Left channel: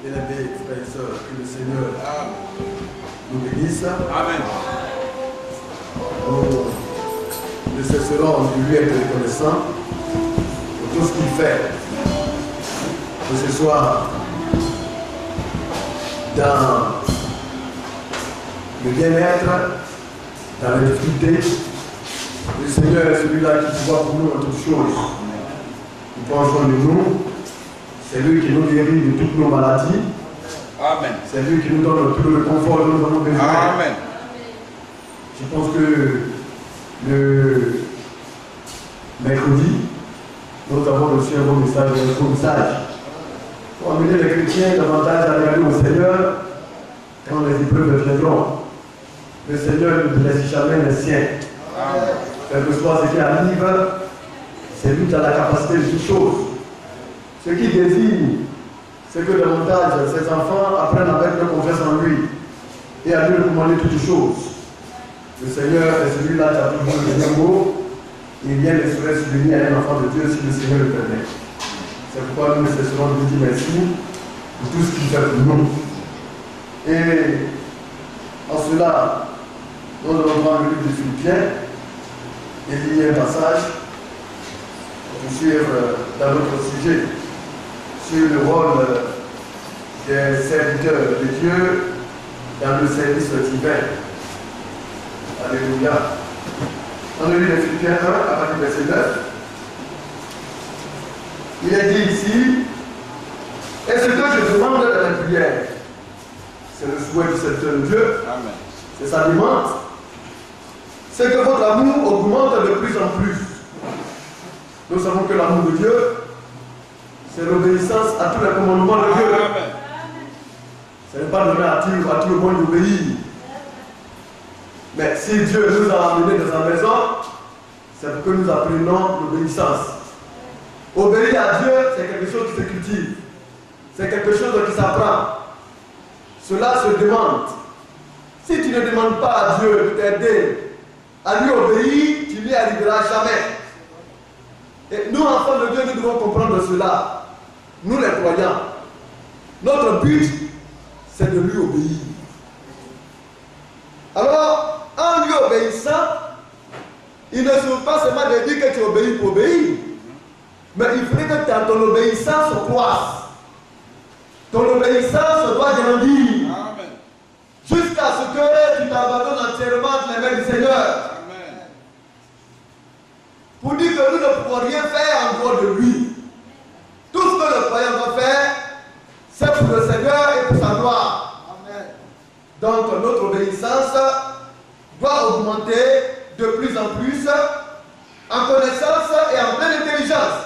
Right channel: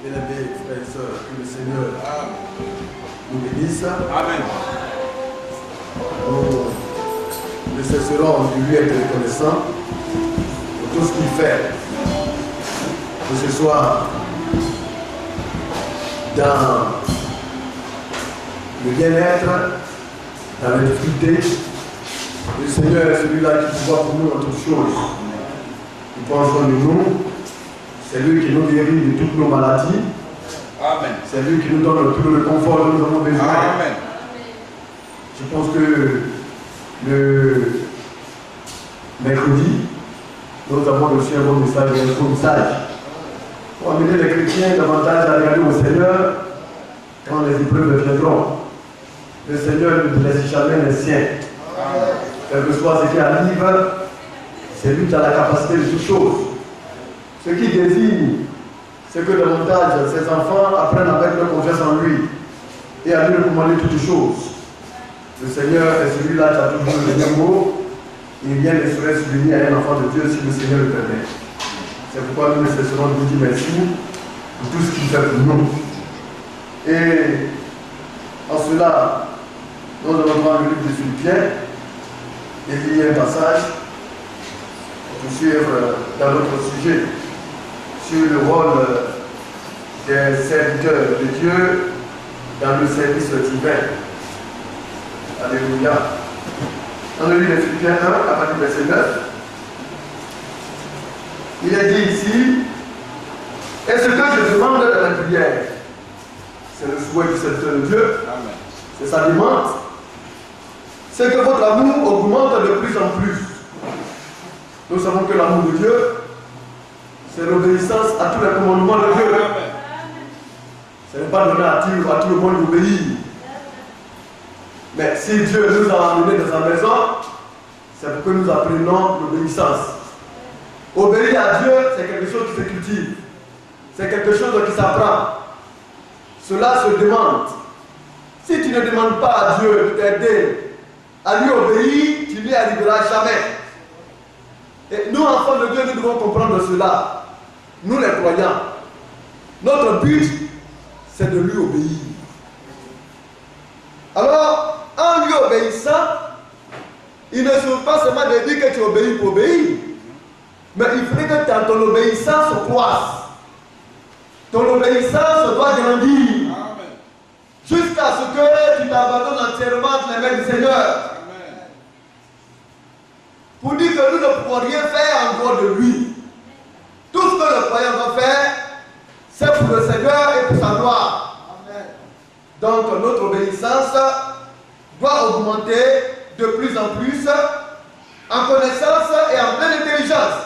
Bien-aimés frères et sœurs, que le Seigneur nous bénisse. Amen. Nous ne cesserons de lui être reconnaissants pour tout ce qu'il fait. Que ce soit dans le bien-être, dans la difficulté. Le Seigneur est celui-là qui voit pour nous en toutes choses. Il prend soin de nous. C'est lui qui nous guérit de toutes nos maladies. Amen. C'est lui qui nous donne tout le confort dont nous avons besoin. Amen. Je pense que le mercredi, nous avons reçu un bon message, pour amener les chrétiens davantage à regarder au Seigneur quand les épreuves viendront. Le Seigneur ne laisse jamais les siens. Quel que soit ce qui arrive, c'est lui qui a la capacité de toutes choses. Ce qui désigne, c'est que davantage ses enfants apprennent à mettre leur confiance en lui et à lui recommander toutes choses. Le Seigneur est celui-là qui a toujours le dernier mot et rien ne serait subvenir à un enfant de Dieu si le Seigneur le permet. C'est pourquoi nous ne cesserons de lui dire merci pour tout ce qu'il fait pour nous. Et en cela, nous allons voir le livre de Philippiens et lire un passage pour suivre dans notre sujet sur le rôle des serviteurs de Dieu dans le service divin. Alléluia. On lit les Philippiens 1 à partir du verset 9. Il est dit ici, et ce que je demande dans la prière, c'est le souhait du serviteur de Dieu, c'est sa demande, c'est que votre amour augmente de plus en plus. Nous savons que l'amour de Dieu, c'est l'obéissance à tous les commandements de Dieu. Ce n'est pas donné à tout le monde d'obéir. Mais si Dieu nous a amenés dans sa maison, c'est pour que nous apprenions l'obéissance. Obéir à Dieu, c'est quelque chose qui se cultive. C'est quelque chose qui s'apprend. Cela se demande. Si tu ne demandes pas à Dieu de t'aider à lui obéir, tu n'y arriveras jamais. Et nous, enfants de Dieu, nous devons comprendre cela. Nous, les croyants, notre but, c'est de lui obéir. Alors, en lui obéissant, il ne suffit pas seulement de dire que tu obéis pour obéir, mais il faudrait que ton obéissance croisse. Ton obéissance doit grandir. Jusqu'à ce que tu t'abandonnes entièrement dans les mains du Seigneur. Amen. Pour dire que nous ne pouvons rien faire en dehors de lui. Tout ce que le croyant doit faire, c'est pour le Seigneur et pour sa gloire. Amen. Donc notre obéissance doit augmenter de plus en plus en connaissance et en pleine intelligence.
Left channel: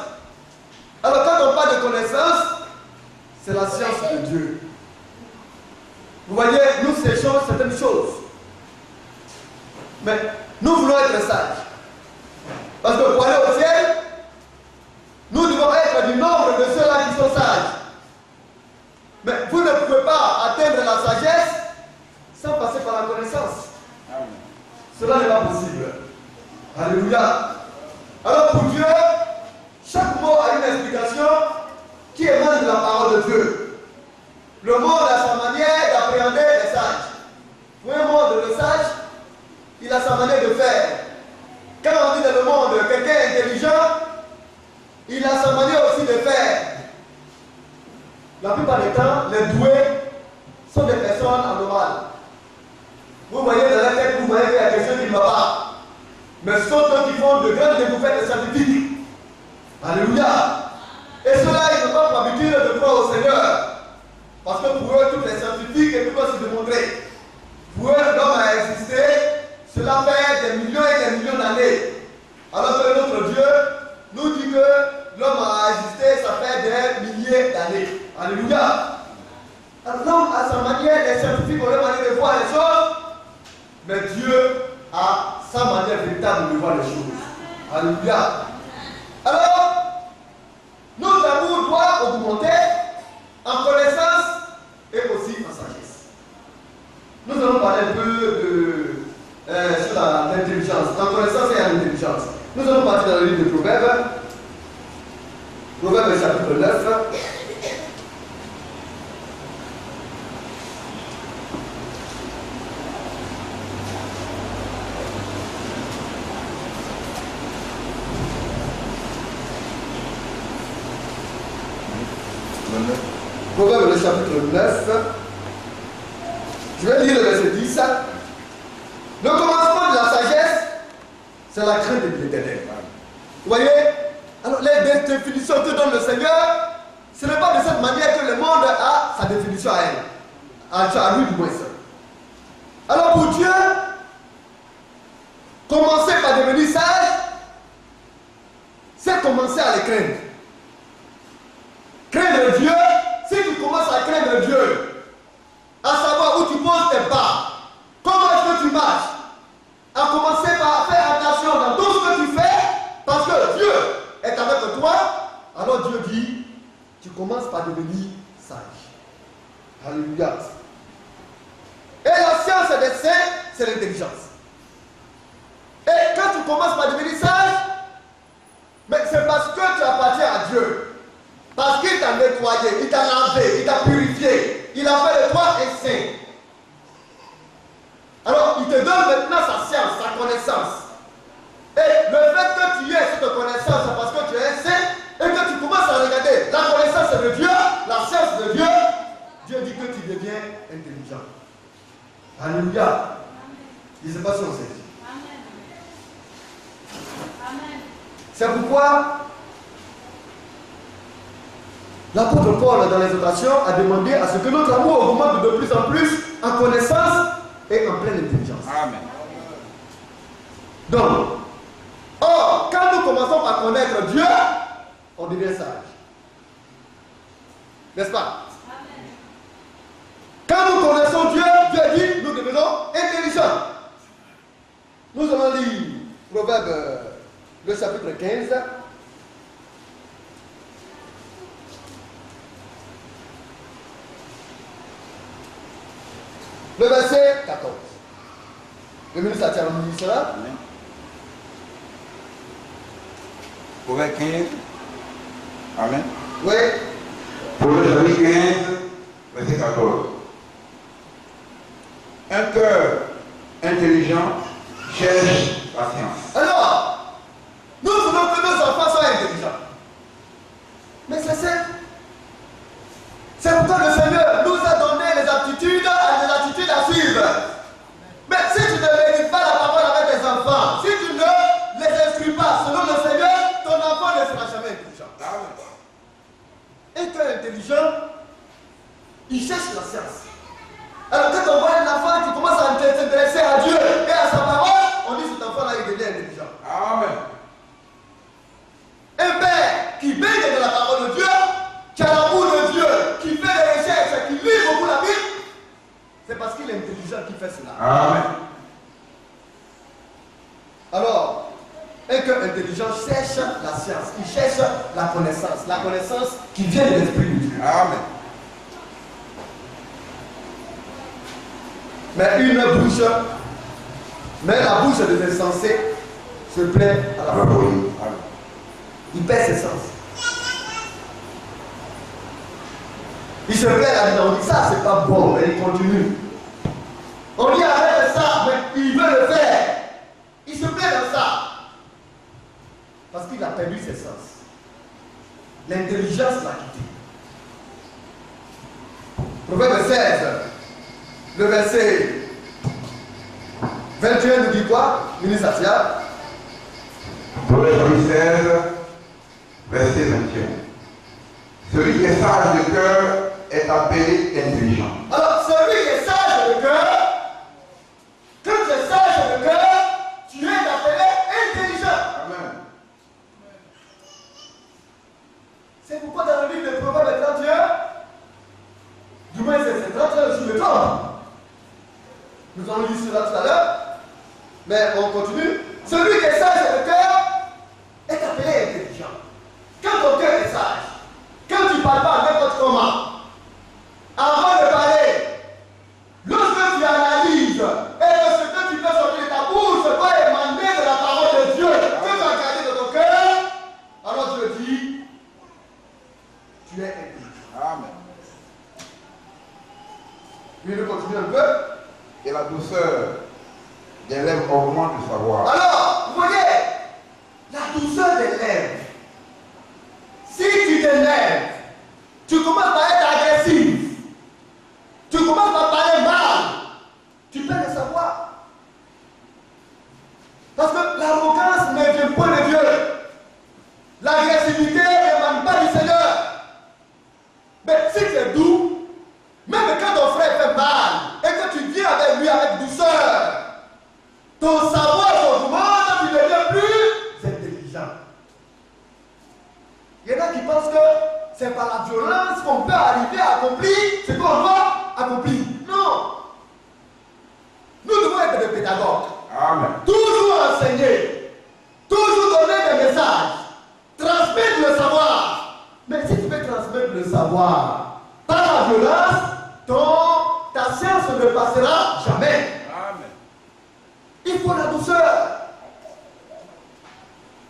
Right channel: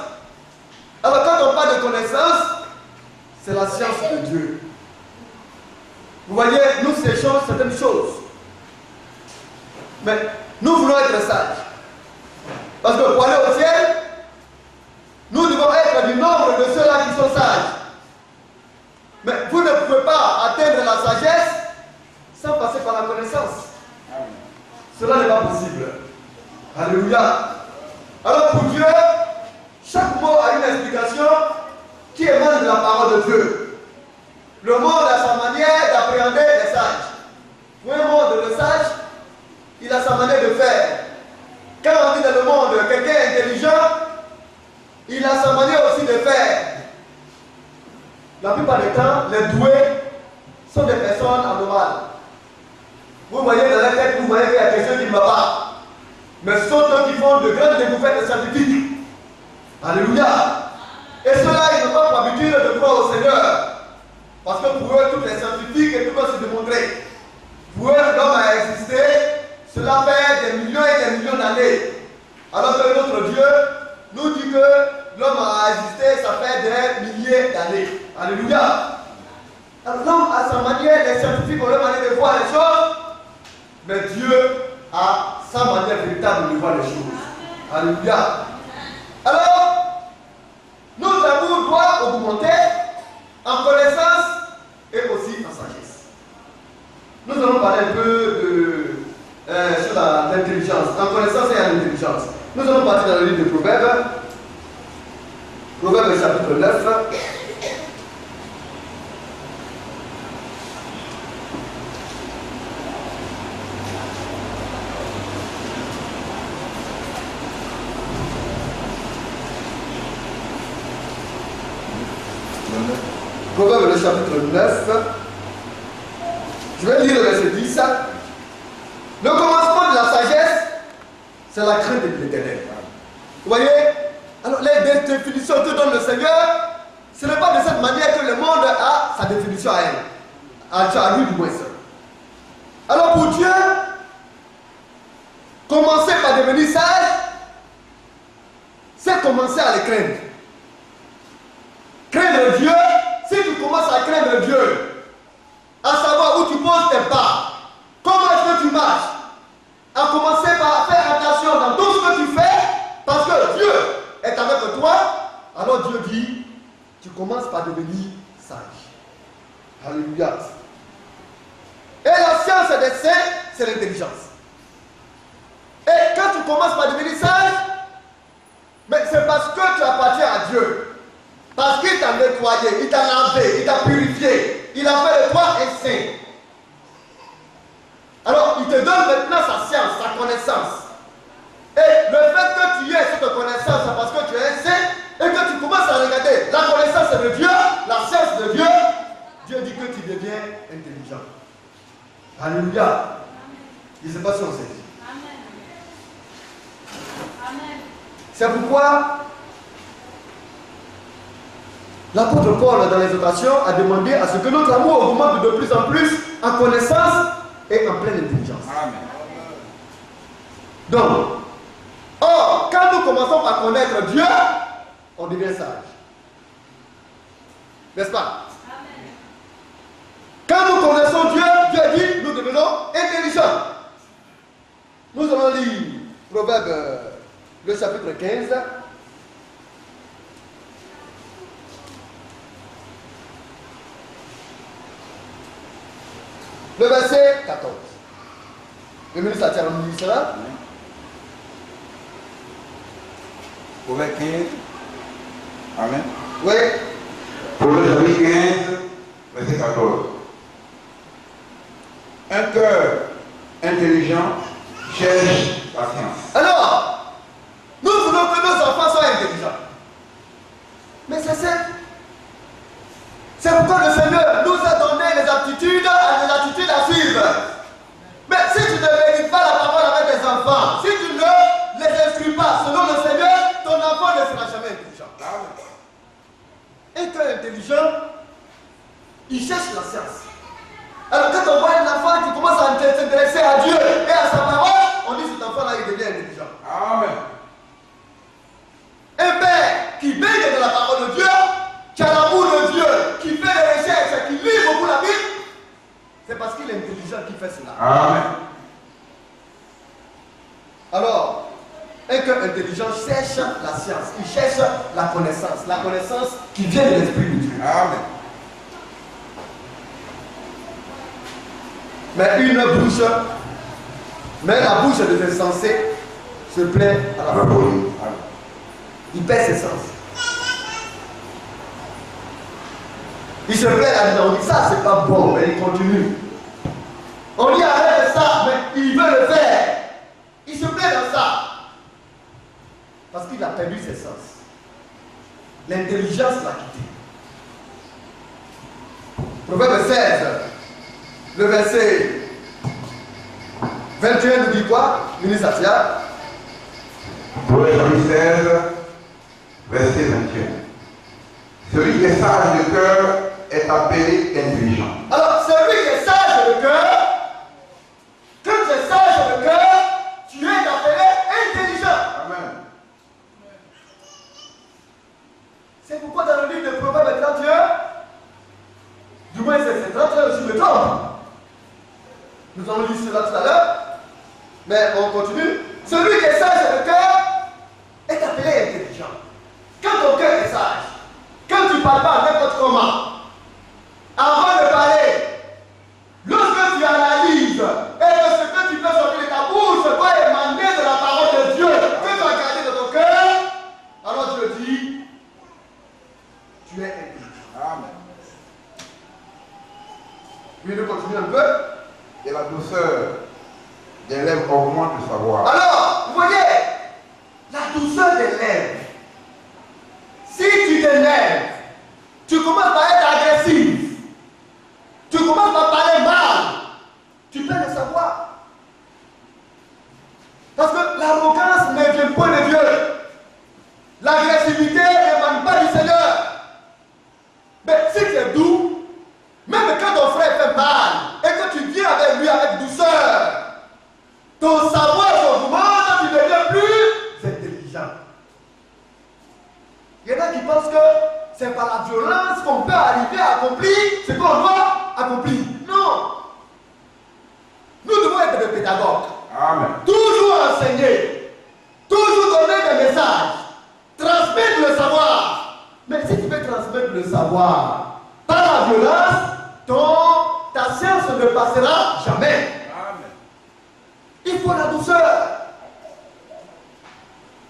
Alors quand on parle de connaissance, c'est la science de Dieu. Vous voyez, nous séchons certaines choses. Mais nous voulons être sages. Parce que pour aller au ciel, nous devons être du nombre de ceux-là qui sont sages. Mais vous ne pouvez pas atteindre la sagesse sans passer par la connaissance. Cela n'est pas possible. Alléluia. Alors pour Dieu, chaque mot a une explication qui émane de la parole de Dieu. Le monde a sa manière d'appréhender les sages. Pour un monde de sages, il a sa manière de faire. Quand on dit dans le monde quelqu'un intelligent, il a sa manière aussi de faire. La plupart du temps, les doués sont des personnes anormales. Vous voyez dans la tête, vous voyez qu'il y a quelque chose qui ne va pas. Mais ce sont eux qui font de grandes découvertes scientifiques. Alléluia. Et ceux-là, ils n'ont pas pour habitude de croire au Seigneur. Parce que pour eux, tous les scientifiques et tout va se démontrer. Pour eux, l'homme a existé, cela fait des millions et des millions d'années. Alors que notre Dieu nous dit que l'homme a existé, ça fait des milliers d'années. Alléluia. Alors l'homme a sa manière, les scientifiques ont leur manière de voir les choses, mais Dieu a sa manière véritable de voir les choses. Alléluia. Alors, nos amours doivent augmenter en connaissance et aussi en sagesse. Nous allons parler un peu sur l'intelligence, en connaissance et en intelligence. Nous allons partir dans le livre de Proverbes, Proverbes chapitre 9. Proverbe le chapitre 9. Je vais lire le verset 10. Le commencement de la sagesse, c'est la crainte de l'Éternel. Vous voyez? Alors les définitions que donne le Seigneur, ce n'est pas de cette manière que le monde a sa définition à elle. À lui du moins. Alors pour Dieu, commencer par devenir sage, c'est commencer à le craindre. Craindre Dieu, si tu commences à craindre Dieu, à savoir où tu poses tes pas, comment est-ce que tu marches, à commencer par faire attention dans tout ce que tu fais, parce que Dieu est avec toi, alors Dieu dit, tu commences par devenir sage. Alléluia. Et la science des saints, c'est l'intelligence. Et quand tu commences par devenir sage, mais c'est parce que tu appartiens à Dieu. Parce qu'il t'a nettoyé, il t'a lavé, il t'a purifié, il a fait de toi un saint. Alors, il te donne maintenant sa science, sa connaissance. Et le fait que tu aies cette connaissance, c'est parce que tu es un saint et que tu commences à regarder la connaissance de Dieu, la science de Dieu. Dieu dit que tu deviens intelligent. Alléluia. Je ne sais pas si on sait. Amen. C'est pourquoi l'apôtre Paul, dans l'exhortation, a demandé à ce que notre amour augmente de plus en plus en connaissance et en pleine intelligence. Amen. Donc, quand nous commençons par connaître Dieu, on devient sage. N'est-ce pas? Amen. Quand nous connaissons Dieu, Dieu dit, nous devenons intelligents. Nous allons lire Proverbe, le chapitre 15. Le verset 14. Le ministre a dit cela. Proverbe 15. Amen. Oui. Proverbe chapitre 15, verset 14. Un cœur intelligent cherche la science. Alors, nous voulons que nos enfants soient intelligents. Mais c'est simple. C'est pourquoi le Seigneur nous a donné les aptitudes à suivre. Mais si tu ne médites pas la parole avec tes enfants, si tu ne les instruis pas selon le Seigneur, ton enfant ne sera jamais intelligent. Et qu'un intelligent, il cherche la science. Alors quand on voit un enfant qui commence à s'intéresser à Dieu et à sa parole, on dit cet enfant-là, il devient intelligent. Amen. Un père qui baigne de la parole de Dieu, qui a l'amour de Dieu, qui fait des recherches, qui lit beaucoup la Bible, c'est parce qu'il est intelligent qu'il fait cela. Amen. Alors, un cœur intelligent cherche la science, il cherche la connaissance qui vient de l'Esprit de Dieu. Amen. Mais la bouche des insensés se plaît à la folie. Il perd ses sens. Il se plaît à dire, on dit ça c'est pas bon, mais il continue. On dit arrête ça, mais il veut le faire. Il se plaît dans ça. Parce qu'il a perdu ses sens. L'intelligence l'a quitté. Proverbe 16, le verset 21 nous dit quoi? Ministre Atia. Proverbe 16, verset 21. Celui qui est sage de cœur est appelé intelligent. Alors, celui qui est sage de cœur, quand tu es sage de cœur, tu es appelé intelligent. Amen. C'est pourquoi dans le livre de Proverbes 31, du moins c'est 31 sur le temps. Nous allons lire cela tout à l'heure, mais on continue. Celui qui est sage de cœur est appelé intelligent. Quand ton cœur est sage, quand tu ne parles pas n'importe comment, avant de parler, lorsque tu analyses et que ce que tu fais sortir de ta bouche doit émaner de la parole de Dieu que tu as gardé de ton cœur, alors Dieu dit, tu es intelligent. Amen. Puis nous continuons un peu. Et la douceur des lèvres augmente le savoir. Alors, vous voyez, la douceur des lèvres. Si tu t'énerves, tu commences par tu es doux, même quand ton frère fait mal, et que tu viens avec lui avec douceur, ton savoir augmente, tu deviens plus intelligent. Il y en a qui pensent que c'est par la violence qu'on peut arriver à accomplir ce qu'on doit accomplir. Non. Nous devons être des pédagogues. Amen. Toujours enseigner. Toujours donner des messages. Transmettre le savoir. Mais si tu veux transmettre le savoir par la violence, ta science ne passera jamais. Amen. Il faut la douceur.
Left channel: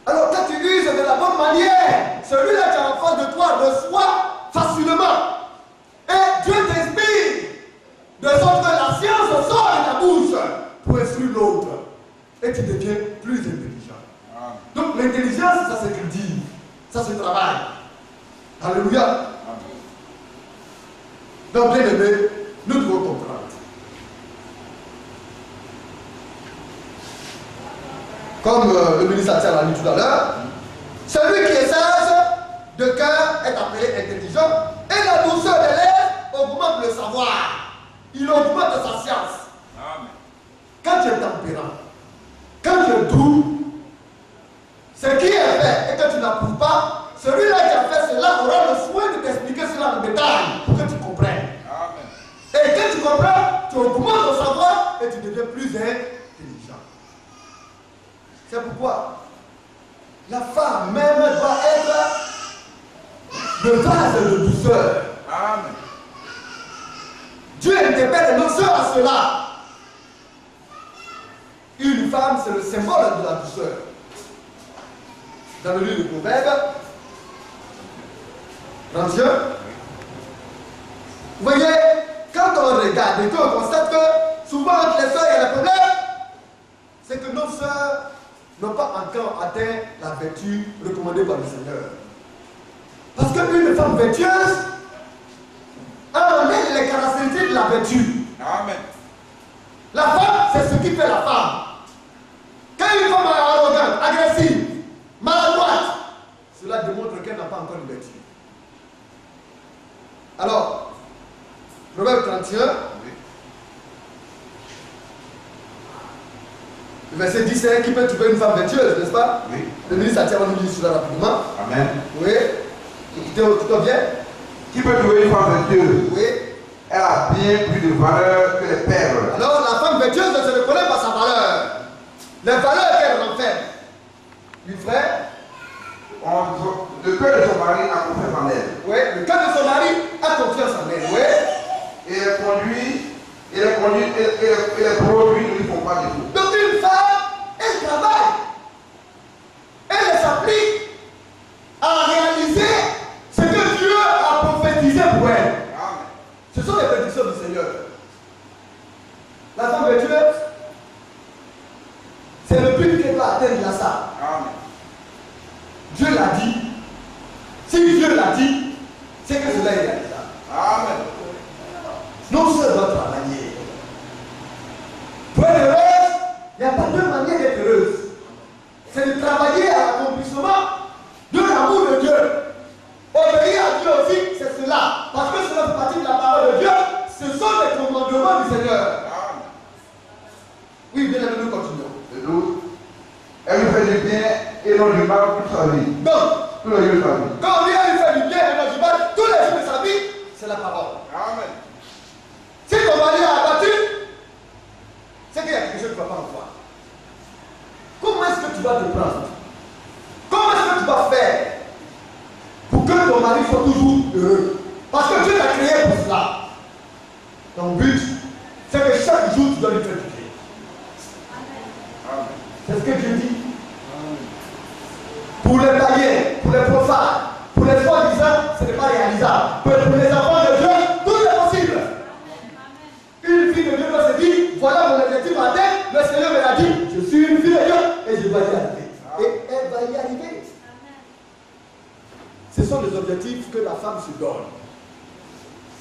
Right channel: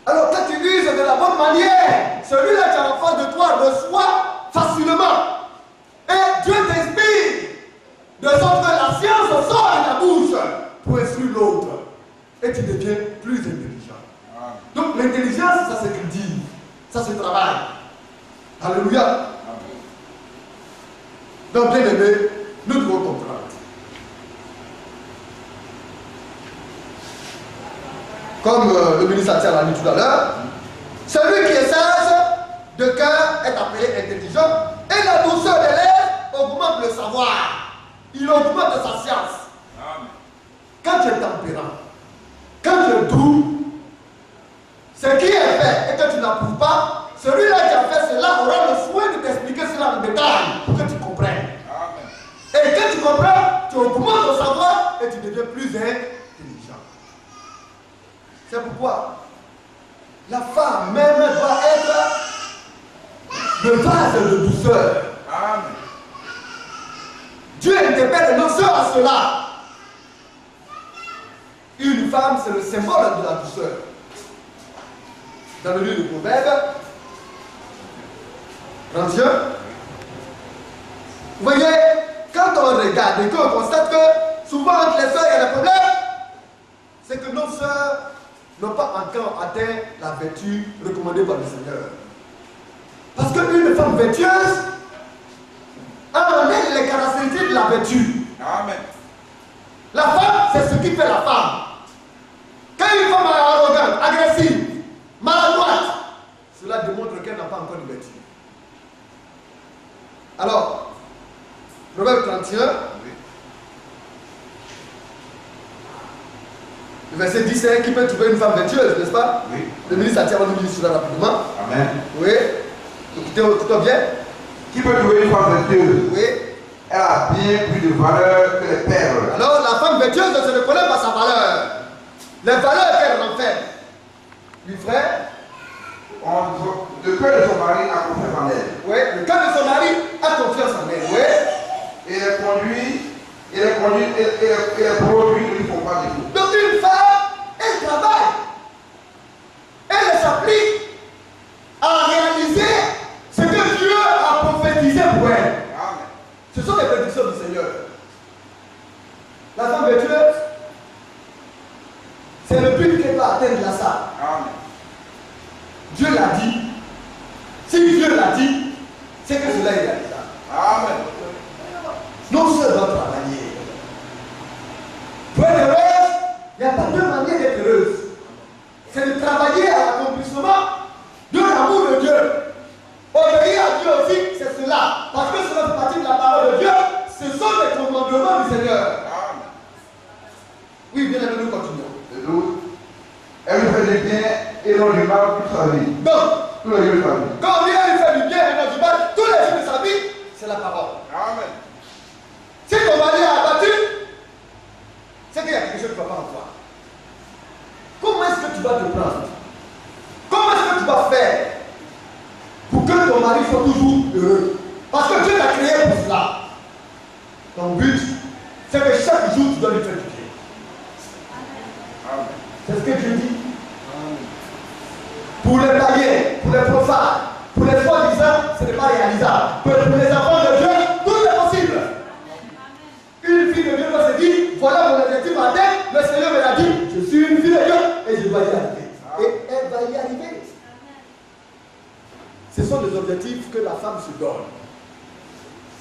Alors quand tu uses de la bonne manière, celui-là qui est en face de toi reçoit facilement. Et Dieu t'inspire. De sorte que la science sort de ta bouche pour instruire l'autre. Et tu deviens plus intelligent. Amen. Donc l'intelligence, ça se cultive. Ça se travaille. Alléluia. Amen. Donc bien aimé, nous devons comprendre. Comme le ministre Atier l'a dit tout à l'heure, celui qui est sage de cœur est appelé intelligent, et la douceur de l'air augmente le savoir. Il augmente sa science. Amen. Quand tu es tempérant, quand tu es doux, ce qui est fait et que tu n'approuves pas, celui-là qui a fait cela aura le soin de t'expliquer cela en détail pour que tu comprennes. Amen. Et quand tu comprends, tu augmentes ton savoir et tu deviens plus intelligent. C'est pourquoi la femme même doit être le vase de douceur. Amen. Dieu interpelle nos sœurs à cela. Une femme, c'est le symbole de la douceur. Dans le livre de Proverbes 31, vous voyez, quand on regarde et qu'on constate que souvent entre les sœurs il y a des problèmes, c'est que nos sœurs n'ont pas encore atteint la vertu recommandée par le Seigneur. Parce qu'une femme vertueuse a en elle les caractéristiques de la vertu. Amen. La femme, c'est ce qui fait la femme. Quand une femme est arrogante, agressive, maladroite, cela démontre qu'elle n'a pas encore de vertu. Alors, Proverbe 31, Oui. le verset 10, c'est qui peut trouver une femme vertueuse, n'est-ce pas? Oui. Le ministre Atier va nous dire cela rapidement. Amen. Oui. Écoutez bien. Qui peut trouver une femme vertueuse? Oui. Elle a bien plus de valeur que les perles. Alors, la femme vertueuse ne se reconnaît pas sa valeur. Les valeurs qu'elle renferme. Oui, frère. Le cœur de son mari a confiance en elle. Oui. Le cœur de son mari a confiance en elle. Oui. Et les produits ne lui font pas défaut. Donc, une femme, elle travaille. Elle s'applique à réaliser ce que Dieu a prophétisé pour elle. Amen. Ce sont les prédictions du Seigneur. La femme vertueuse, c'est le but qu'elle va atteindre la salle. Amen. Dieu l'a dit. Si Dieu l'a dit, c'est que cela est réalisable. Amen. Nos sœurs doivent travailler. Pour être heureuse, il n'y a pas deux manières d'être heureuse. C'est de travailler à l'accomplissement de l'amour de Dieu. Obéir à Dieu aussi, c'est cela. Parce que cela fait partie de la parole de Dieu. Ce sont les commandements du Seigneur. Amen. Oui, bien aimé, nous continuons. Le 12. Elle lui fait du bien et non du mal toute sa vie. Donc, Tous les jours de sa vie. quand on vient lui faire du bien et non du mal, tous les jours de sa vie, c'est la parole. Amen. Si ton mari a abattu, c'est qu'il y a quelque chose qui ne va pas en toi. Comment est-ce que tu vas te prendre? Comment est-ce que tu vas faire pour que ton mari soit toujours heureux? Parce que Dieu t'a créé pour cela. Ton but, c'est que chaque jour tu dois lui faire du bien. Amen. C'est ce que Dieu dit. Pour les païens, pour les profanes, pour les soi-disant, ce n'est pas réalisable. Pour les enfants de Dieu, tout est possible. Une fille de Dieu doit se dire, voilà mon objectif à terre, le Seigneur me l'a dit, je suis une fille de Dieu et je dois y arriver. Et elle va y arriver. Ce sont les objectifs que la femme se donne.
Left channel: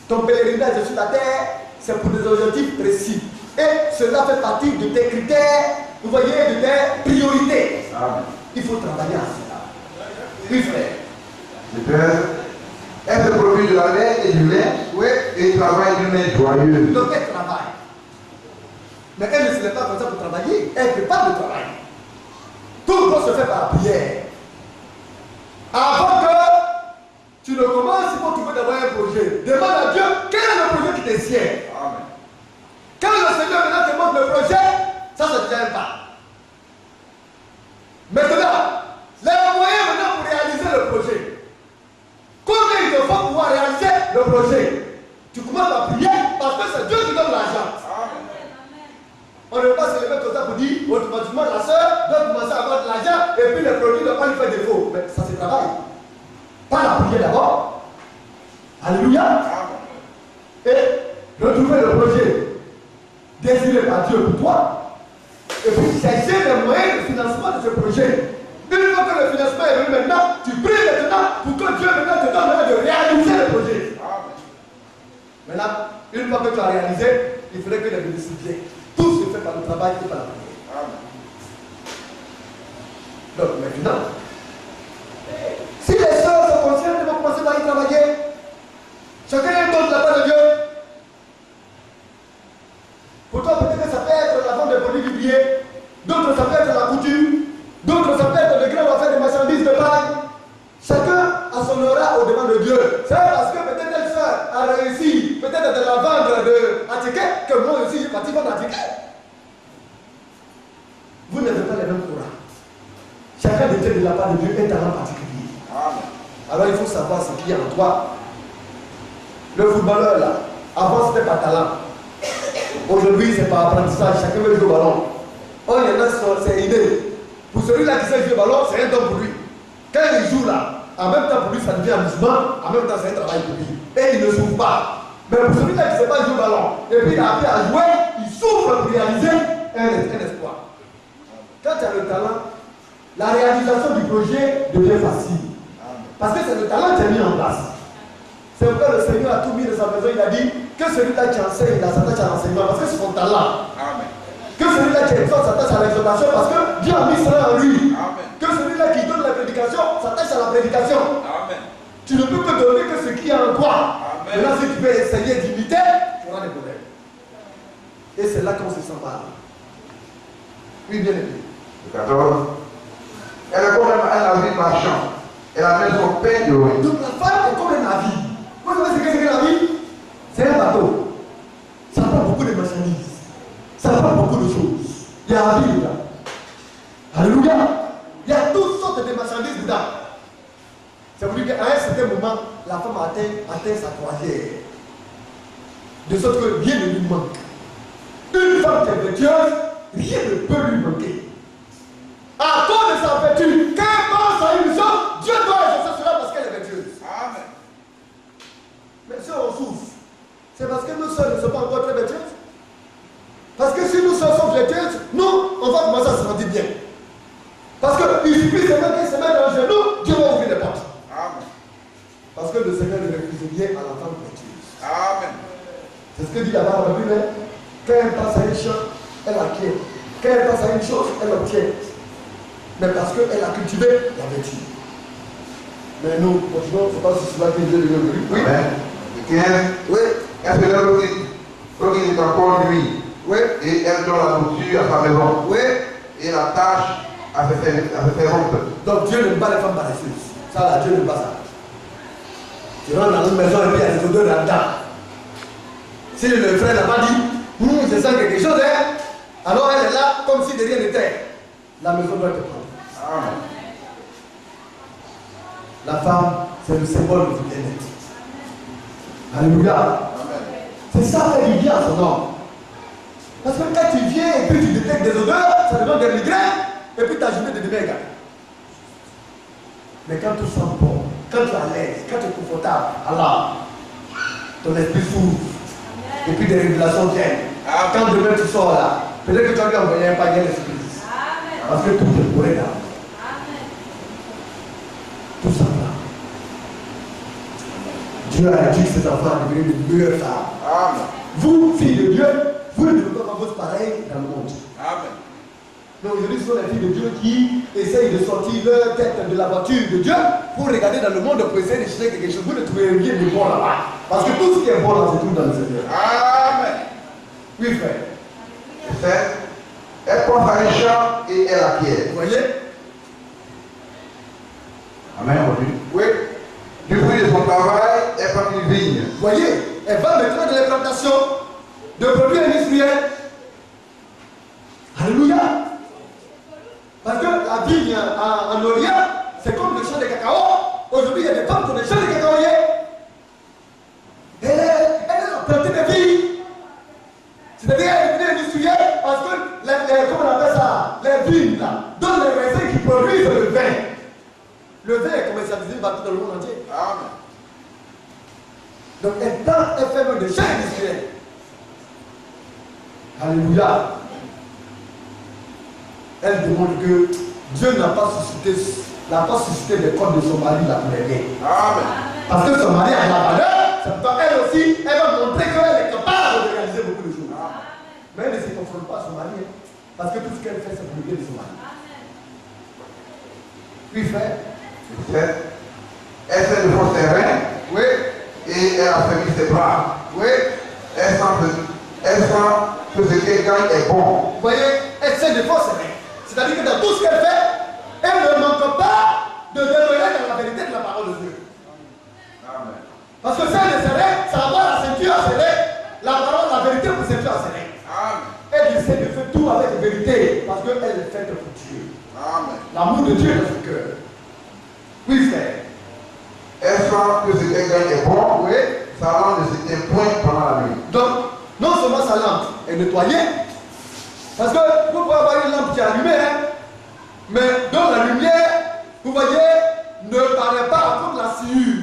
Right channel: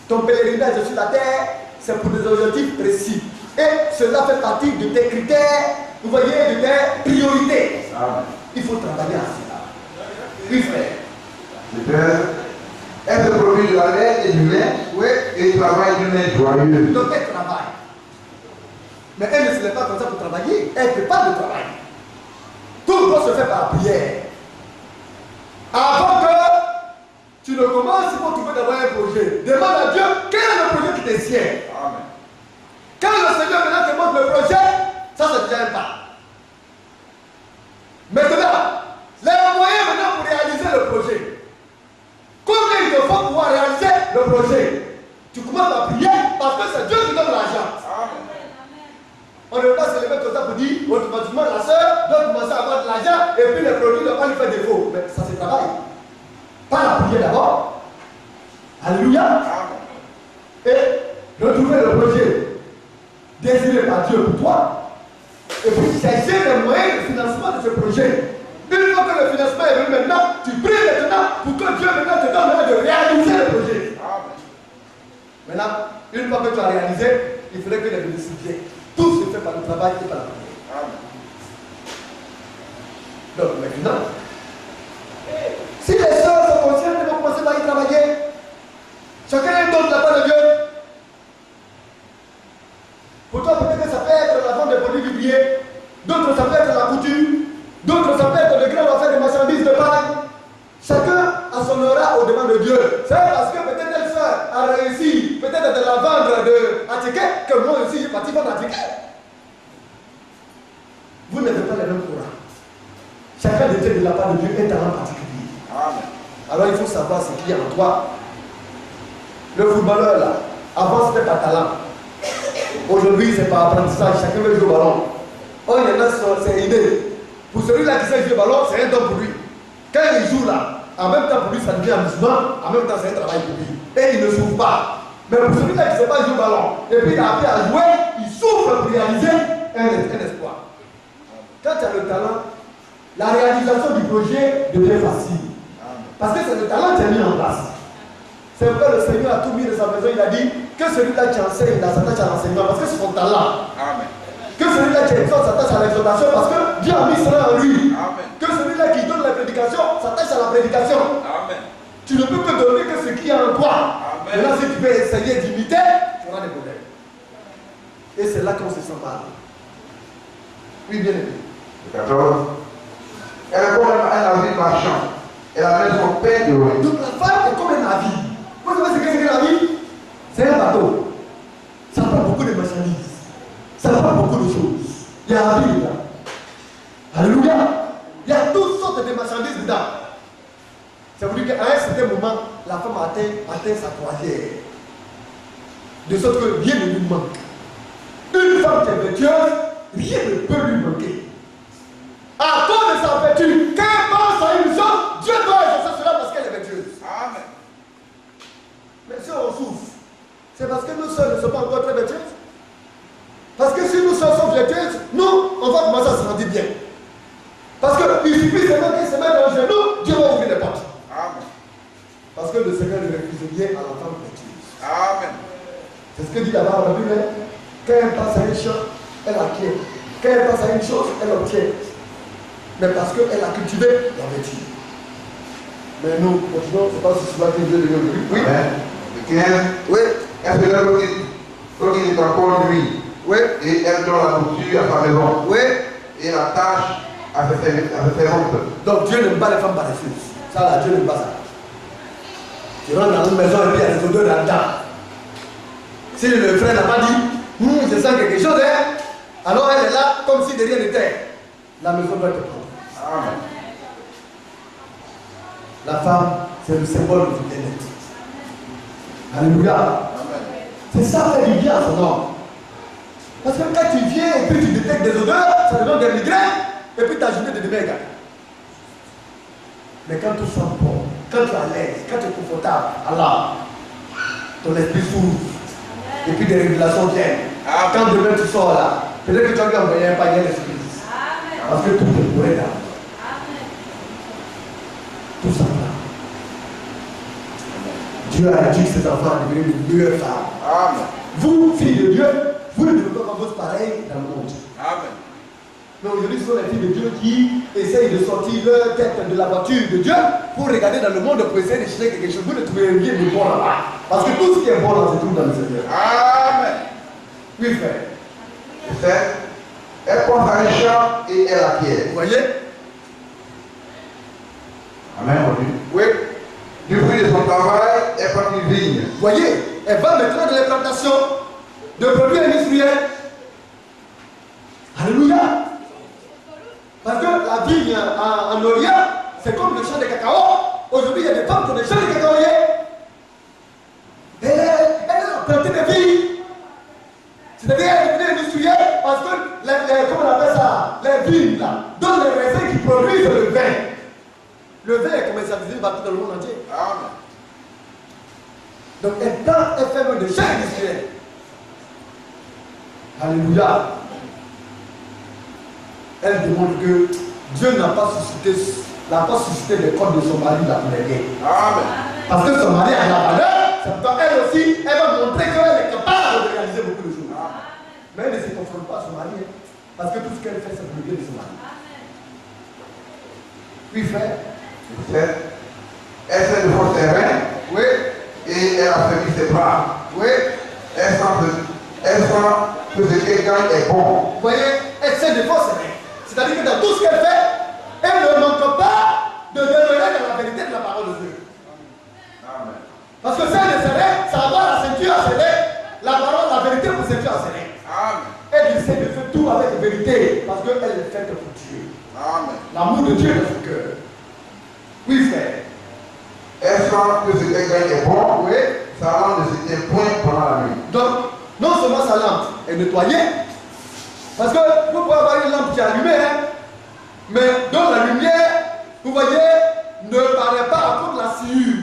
Ton pèlerinage sur la terre, c'est pour des objectifs précis. Et cela fait partie de tes critères, vous voyez, de tes priorités. Amen. Il faut travailler à cela. Oui, frère. Le Père, Elle se produit de la laine et du lait. Oui. Et il travaille d'une main joyeuse. Donc elle travaille. Mais elle ne se lève pas comme ça pour travailler. Elle prépare le travail. Tout doit se faire par prière. Avant que tu ne commences, il faut trouver d'abord un projet. Demande à Dieu quel est le projet qui te sied. Amen. Quand le Seigneur maintenant te montre le projet, ça c'est déjà un pas. Maintenant, les moyens maintenant pour réaliser le projet. Combien il te faut pouvoir réaliser le projet? Tu commences à prier parce que c'est Dieu qui donne l'argent. On ne peut pas se lever comme ça pour dire automatiquement la soeur doit commencer à avoir de l'argent et puis les produits ne vont pas lui faire défaut. Mais ça se travaille. Par la prière d'abord. Alléluia. Et retrouver le projet désiré par Dieu pour toi. Et puis chercher les moyens de financement de ce projet. Une fois que le financement est venu maintenant, tu pries maintenant pour que Dieu maintenant te donne le moyen de réaliser le projet. Maintenant, une fois que tu as réalisé, il faudrait que les bénéfices viennent. Tout se fait par le travail et par la prière. Donc maintenant, si les sœurs sont conscientes, elles vont commencer par y travailler. Chacun donne la part de Dieu. Pour toi, peut-être que ça peut être la vente des produits viviers. D'autres, ça peut être la couture. D'autres, ça peut être le grand affaire des marchandises de paille. Chacun a son aura au devant de Dieu. C'est parce que peut-être telle soeur a réussi, peut-être de la vendre à ticket, que moi aussi j'ai parti vendre à ticket. Vous n'avez pas les mêmes aura. Chacun détient de la part de Dieu un talent particulier. Amen. Alors il faut savoir ce qu'il y a en toi. Le footballeur là, avant c'était par talent. Aujourd'hui c'est par apprentissage, chacun veut jouer au ballon. Oh, il y en a, c'est inné. Pour celui-là qui sait jouer au ballon, c'est un don pour lui. Quand il joue là, en même temps pour lui ça devient amusement, en même temps c'est un travail pour lui. Et il ne souffre pas. Mais pour celui-là qui ne sait pas jouer au ballon, et puis il a appris à jouer, il souffre pour réaliser un espoir. Quand tu as le talent, la réalisation du projet devient facile. Parce que c'est le talent qui est mis en place. C'est pourquoi le Seigneur a tout mis de sa maison. Il a dit que celui-là qui enseigne, il s'attache à l'enseignement parce que c'est son talent. Amen. Que celui-là qui exhorte s'attache à l'exhortation parce que Dieu a mis cela en lui. Amen. Que celui-là qui donne la prédication s'attache à la prédication. Amen. Tu ne peux que donner que ce qui est en toi. Amen. Maintenant, si tu peux essayer d'imiter, tu auras des problèmes. Et c'est là qu'on se sent mal. Oui, bien aimé. 14. Elle est comme un navire marchand. Elle amène son pain de loin. Donc la femme est comme un navire. Vous savez ce que c'est qu'un navire? C'est un bateau. Ça prend beaucoup de marchandises. Ça prend beaucoup de choses. Il y a un navire là. Alléluia. Il y a toutes sortes de marchandises dedans. Ça veut dire qu'à un certain moment, la femme atteint sa croisière. De sorte que rien ne lui manque. Une femme qui est vertueuse, rien ne peut lui manquer. À cause de sa vertu, quand elle pense à une chose, Dieu doit exaucer cela parce qu'elle est vertueuse. Amen. Mais si on souffre, c'est parce que nous seuls ne sommes pas encore très vertueuses. Parce que si nous seuls sommes vertueuses, nous, on va commencer à se sentir bien. Parce qu'il suffit seulement qu'elle se mette dans le genou, Dieu va ouvrir les portes. Amen. Parce que le Seigneur ne refuse bien à la femme vertueuse. Amen. C'est ce que dit là-bas dans la Bible. Quand elle passe à une chose, elle acquiert. Quand elle passe à une chose, elle obtient. Mais parce qu'elle a cultivé la vertu. Mais nous, continuons, c'est pas si cela que Dieu devient aujourd'hui. Oui. Amen. Oui. Elle se lève lorsqu'il est encore nuit. Oui. Et elle donne la nourriture à sa maison. Oui. Et la tâche à ses servantes. Donc Dieu n'aime pas les femmes paresseuses. Ça là, Dieu n'aime pas ça. Tu rentres dans une maison et puis il y a des odeurs dans le temps. Si le frère n'a pas dit, je sens quelque chose, hein, alors elle est là comme si de rien n'était. La maison doit être propre. Amen. La femme, c'est le symbole du bien-être. Alléluia. C'est ça fait du bien à son homme. Parce que quand tu viens et puis tu détectes des odeurs, ça te donne des migraines, et puis ta journée devient égale. Mais quand tu sens bon, quand tu es à l'aise, quand tu es confortable, alors ton esprit s'ouvre. Et puis des révélations viennent. Quand demain tu sors là, peut-être que tu as dû envoyer un panier d'esprit. Parce que tout est pour là. Tout ça là. Dieu a dit que ses enfants deviennent de meilleures femmes. Amen. Vous, filles de Dieu, vous ne devez pas vos pareils dans le monde. Amen. Mais aujourd'hui, ce sont les filles de Dieu qui essayent de sortir leur tête de la voiture de Dieu pour regarder dans le monde pour essayer de chercher quelque chose. Vous ne trouvez rien de bon là-bas. Parce que tout ce qui est bon là se trouve dans le Seigneur. Amen. Oui, frère. Elle prend sa richesse et elle acquiert. Vous voyez? Amen. Oui. Du fruit de son travail, elle prend une vigne. Vous voyez? Elle va maintenant dans les plantations de produits industriels. Alléluia. Parce que la vigne en Orient, c'est comme le champ de cacao. Aujourd'hui, il y a des femmes qui ont des champs de cacaoyers. Elle a planté des vignes. C'est-à-dire qu'elle est devenue industrielle parce que, comment on appelle ça, les vignes là, donnent les raisins qui produisent le vin. Le vin est commercialisé partout dans le monde entier. Amen. Donc elle fait même des champs industriels. Alléluia. Elle demande que Dieu n'a pas suscité les corps de son mari la plaider. Amen. Parce que son mari a la valeur, c'est pourquoi elle aussi, elle va montrer qu'elle est capable de réaliser beaucoup de choses. Amen. Mais elle ne se confronte pas à son mari, hein, parce que tout ce qu'elle fait, c'est pour le bien de son mari. Oui, frère. Elle s'est devant ses reins. Oui. Et elle a fermé ses bras. Oui. Elle sent que ce qu'elle gagne est bon. Vous voyez, elle s'est devant ses reins. C'est-à-dire que dans tout ce qu'elle fait, elle ne manque pas de demeurer dans la vérité de la parole de Dieu. Amen. Parce que si elle est serrée, ça va avoir la ceinture à serrer, la parole, la vérité pour ceinture à serrer. Amen. Elle essaie de faire tout avec vérité, parce qu'elle est faite pour Dieu. Amen. L'amour de Dieu dans son cœur. Oui, frère. Elle sent que ce qu'elle gagne est bon. Oui. Sa lampe ne s'éteint point pendant la nuit. Donc, non seulement sa lampe est nettoyée, parce que vous pouvez avoir une lampe qui est allumée, hein, mais dans la lumière, vous voyez, ne paraît pas à cause de la sciure.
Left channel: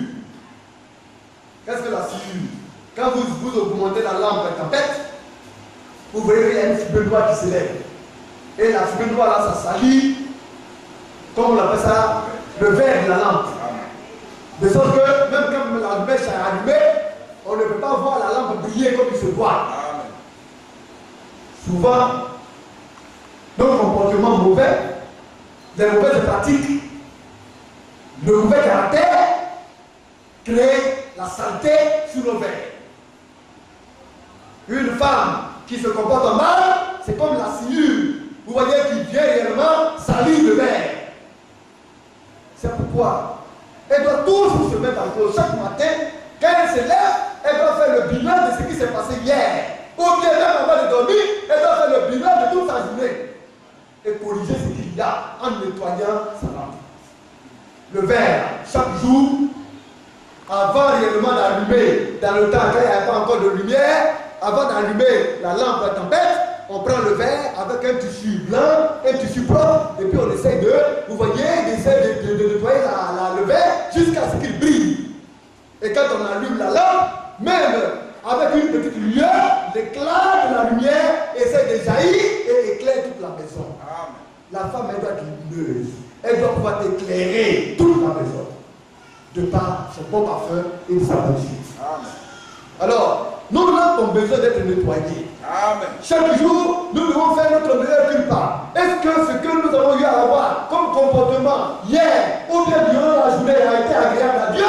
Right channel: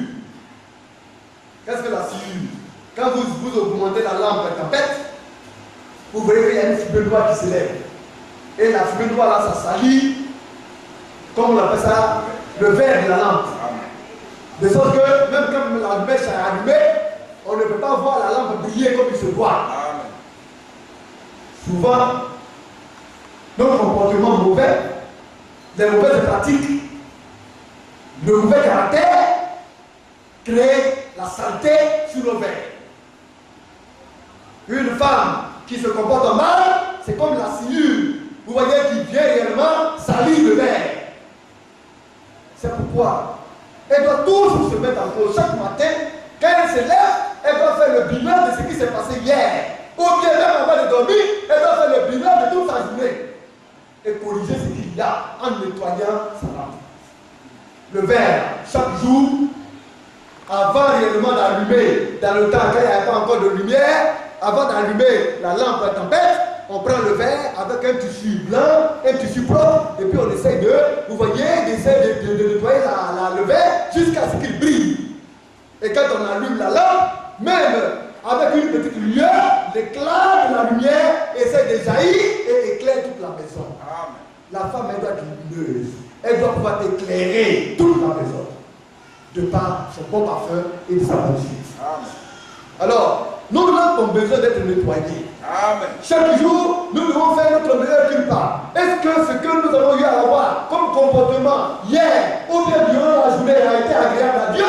Qu'est-ce que la sciure? Quand vous augmentez la lampe à tempête, vous voyez qu'il y a une fumée noire qui s'élève. Et la fumée noire là, ça salit, comme on appelle ça, le verre de la lampe. De sorte que même quand la mèche est allumée, on ne peut pas voir la lampe briller comme il se doit. Souvent, nos comportements mauvais, les mauvaises pratiques, le mauvais caractère créent la saleté sur nos verres. Une femme qui se comporte mal, c'est comme la sciure. Vous voyez qui vient réellement salir le verre. C'est pourquoi elle doit toujours se mettre en cause. Chaque matin, quand elle se lève, elle doit faire le bilan de ce qui s'est passé hier. Ou bien même avant de dormir, elle doit faire le bilan de toute sa journée. Et corriger ce qu'il y a en nettoyant sa lampe. Le verre, chaque jour, avant réellement d'allumer, dans le temps quand il n'y a pas encore de lumière, avant d'allumer la lampe à tempête, on prend le verre avec un tissu blanc, un tissu propre, et puis on essaye de, vous voyez, d'essayer de nettoyer le verre jusqu'à ce qu'il brille. Et quand on allume la lampe, même avec une petite lueur, l'éclat de la lumière essaie de jaillir et éclaire toute la maison. Amen. La femme, elle doit être lumineuse. Elle doit pouvoir éclairer toute la maison. De par son bon parfum et de sa magnifique. Alors, nos lampes ont besoin d'être nettoyées. Amen. Chaque jour, nous devons faire notre meilleur culpa. Est-ce que ce que nous avons eu à avoir comme comportement hier ou bien durant la journée a été agréable à Dieu?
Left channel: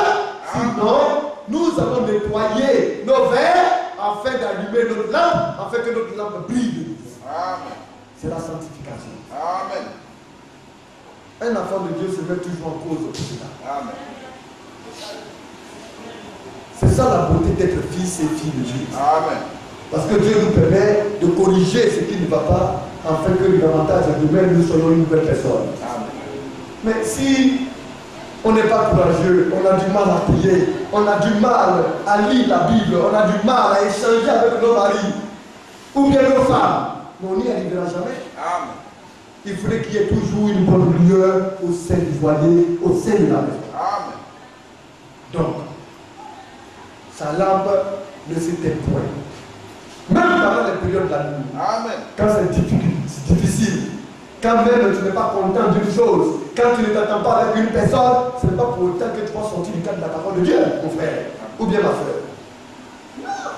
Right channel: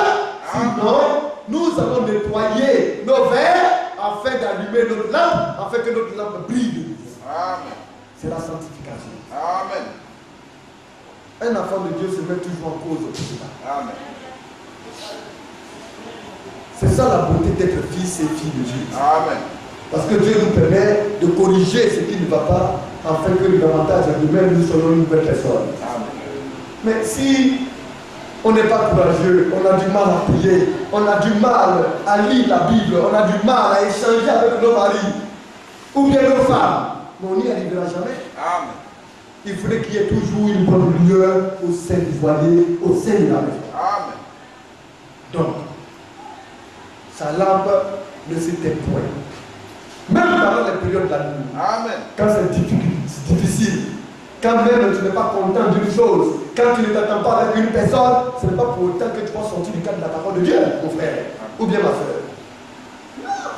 Sinon, nous allons nettoyer nos verres afin d'allumer notre lampe, afin que notre lampe brille. Amen. C'est la sanctification. Amen. Un enfant de Dieu se met toujours en cause pour cela. Amen. C'est ça la beauté d'être fils et fille de Dieu. Amen. Parce que Dieu nous permet de corriger ce qui ne va pas, afin que davantage nous-mêmes nous soyons une nouvelle personne. Amen. Mais si on n'est pas courageux, on a du mal à prier, on a du mal à lire la Bible, on a du mal à échanger avec nos maris, ou bien nos femmes, mais on n'y arrivera jamais. Amen. Il faudrait qu'il y ait toujours une bonne lueur au sein du foyer, au sein de la maison. Amen. Donc, sa lampe ne s'éteint point. Même pendant les périodes de la nuit. Amen. Quand c'est difficile, quand même tu n'es pas content d'une chose, quand tu ne t'attends pas avec une personne, ce n'est pas pour autant que tu vas sortir du cadre de la parole de Dieu, mon frère, ou bien ma soeur. Non.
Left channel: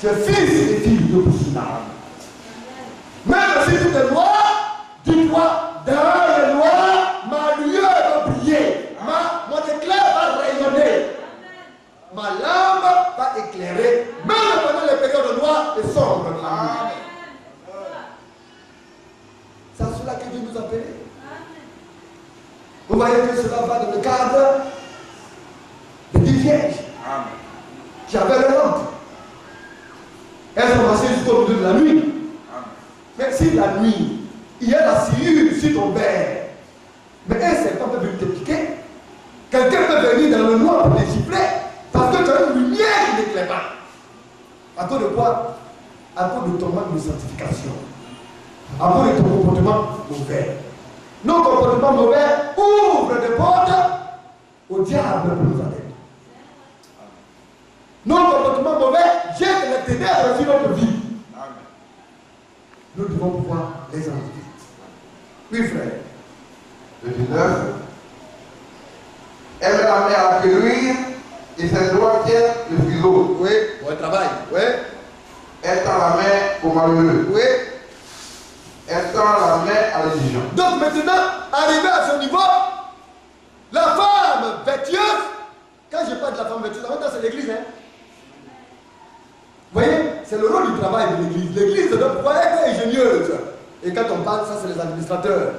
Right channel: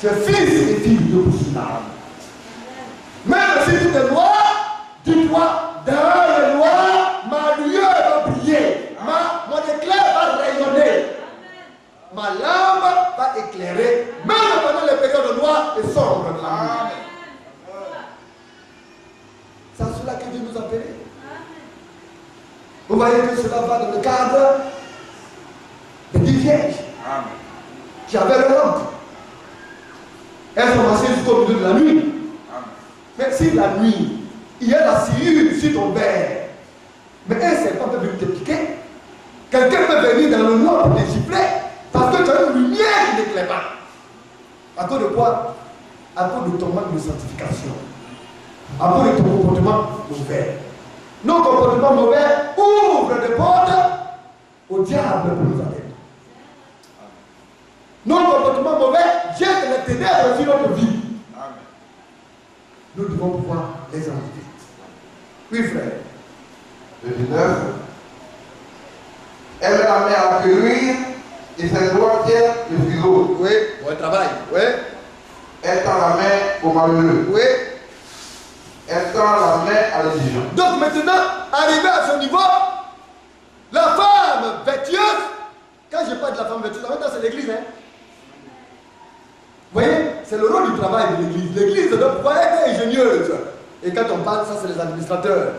Tu es fils et fille de Dieu pour cela. Même si tout est noir, éclairer, même pendant les périodes noires et sombres de la nuit. C'est à cela que Dieu nous appelle. Vous voyez que cela va dans le cadre des 10 vierges qui avaient leur lampe. Elles sont marchées jusqu'au milieu de la nuit. Mais si la nuit, il y a la sciure sur ton verre, mais un serpent peut venir te piquer, quelqu'un peut venir dans le noir pour te gifler, parce que tu as une lumière qui n'éclaire pas. À cause de quoi? À cause de ton manque de sanctification. À cause de ton comportement mauvais. Nos comportements mauvais ouvrent des portes au diable pour nous atteindre. Nos comportements mauvais jettent les ténèbres sur notre vie. Nous devons pouvoir les enlever. Oui, frère. Le 19. Elle met la main à l'accueillir et ses doigts tiennent le ciseau. Oui, bon travail. Oui. Elle tend la main au malheureux. Oui. Elle tend la main à l'exigeant. Donc maintenant, arrivé à ce niveau, la femme vertueuse, quand je parle de la femme vertueuse, en même temps c'est l'église, hein. Vous voyez, c'est le rôle du travail de l'église. L'église doit pouvoir être ingénieuse. Et quand on parle, ça c'est les administrateurs.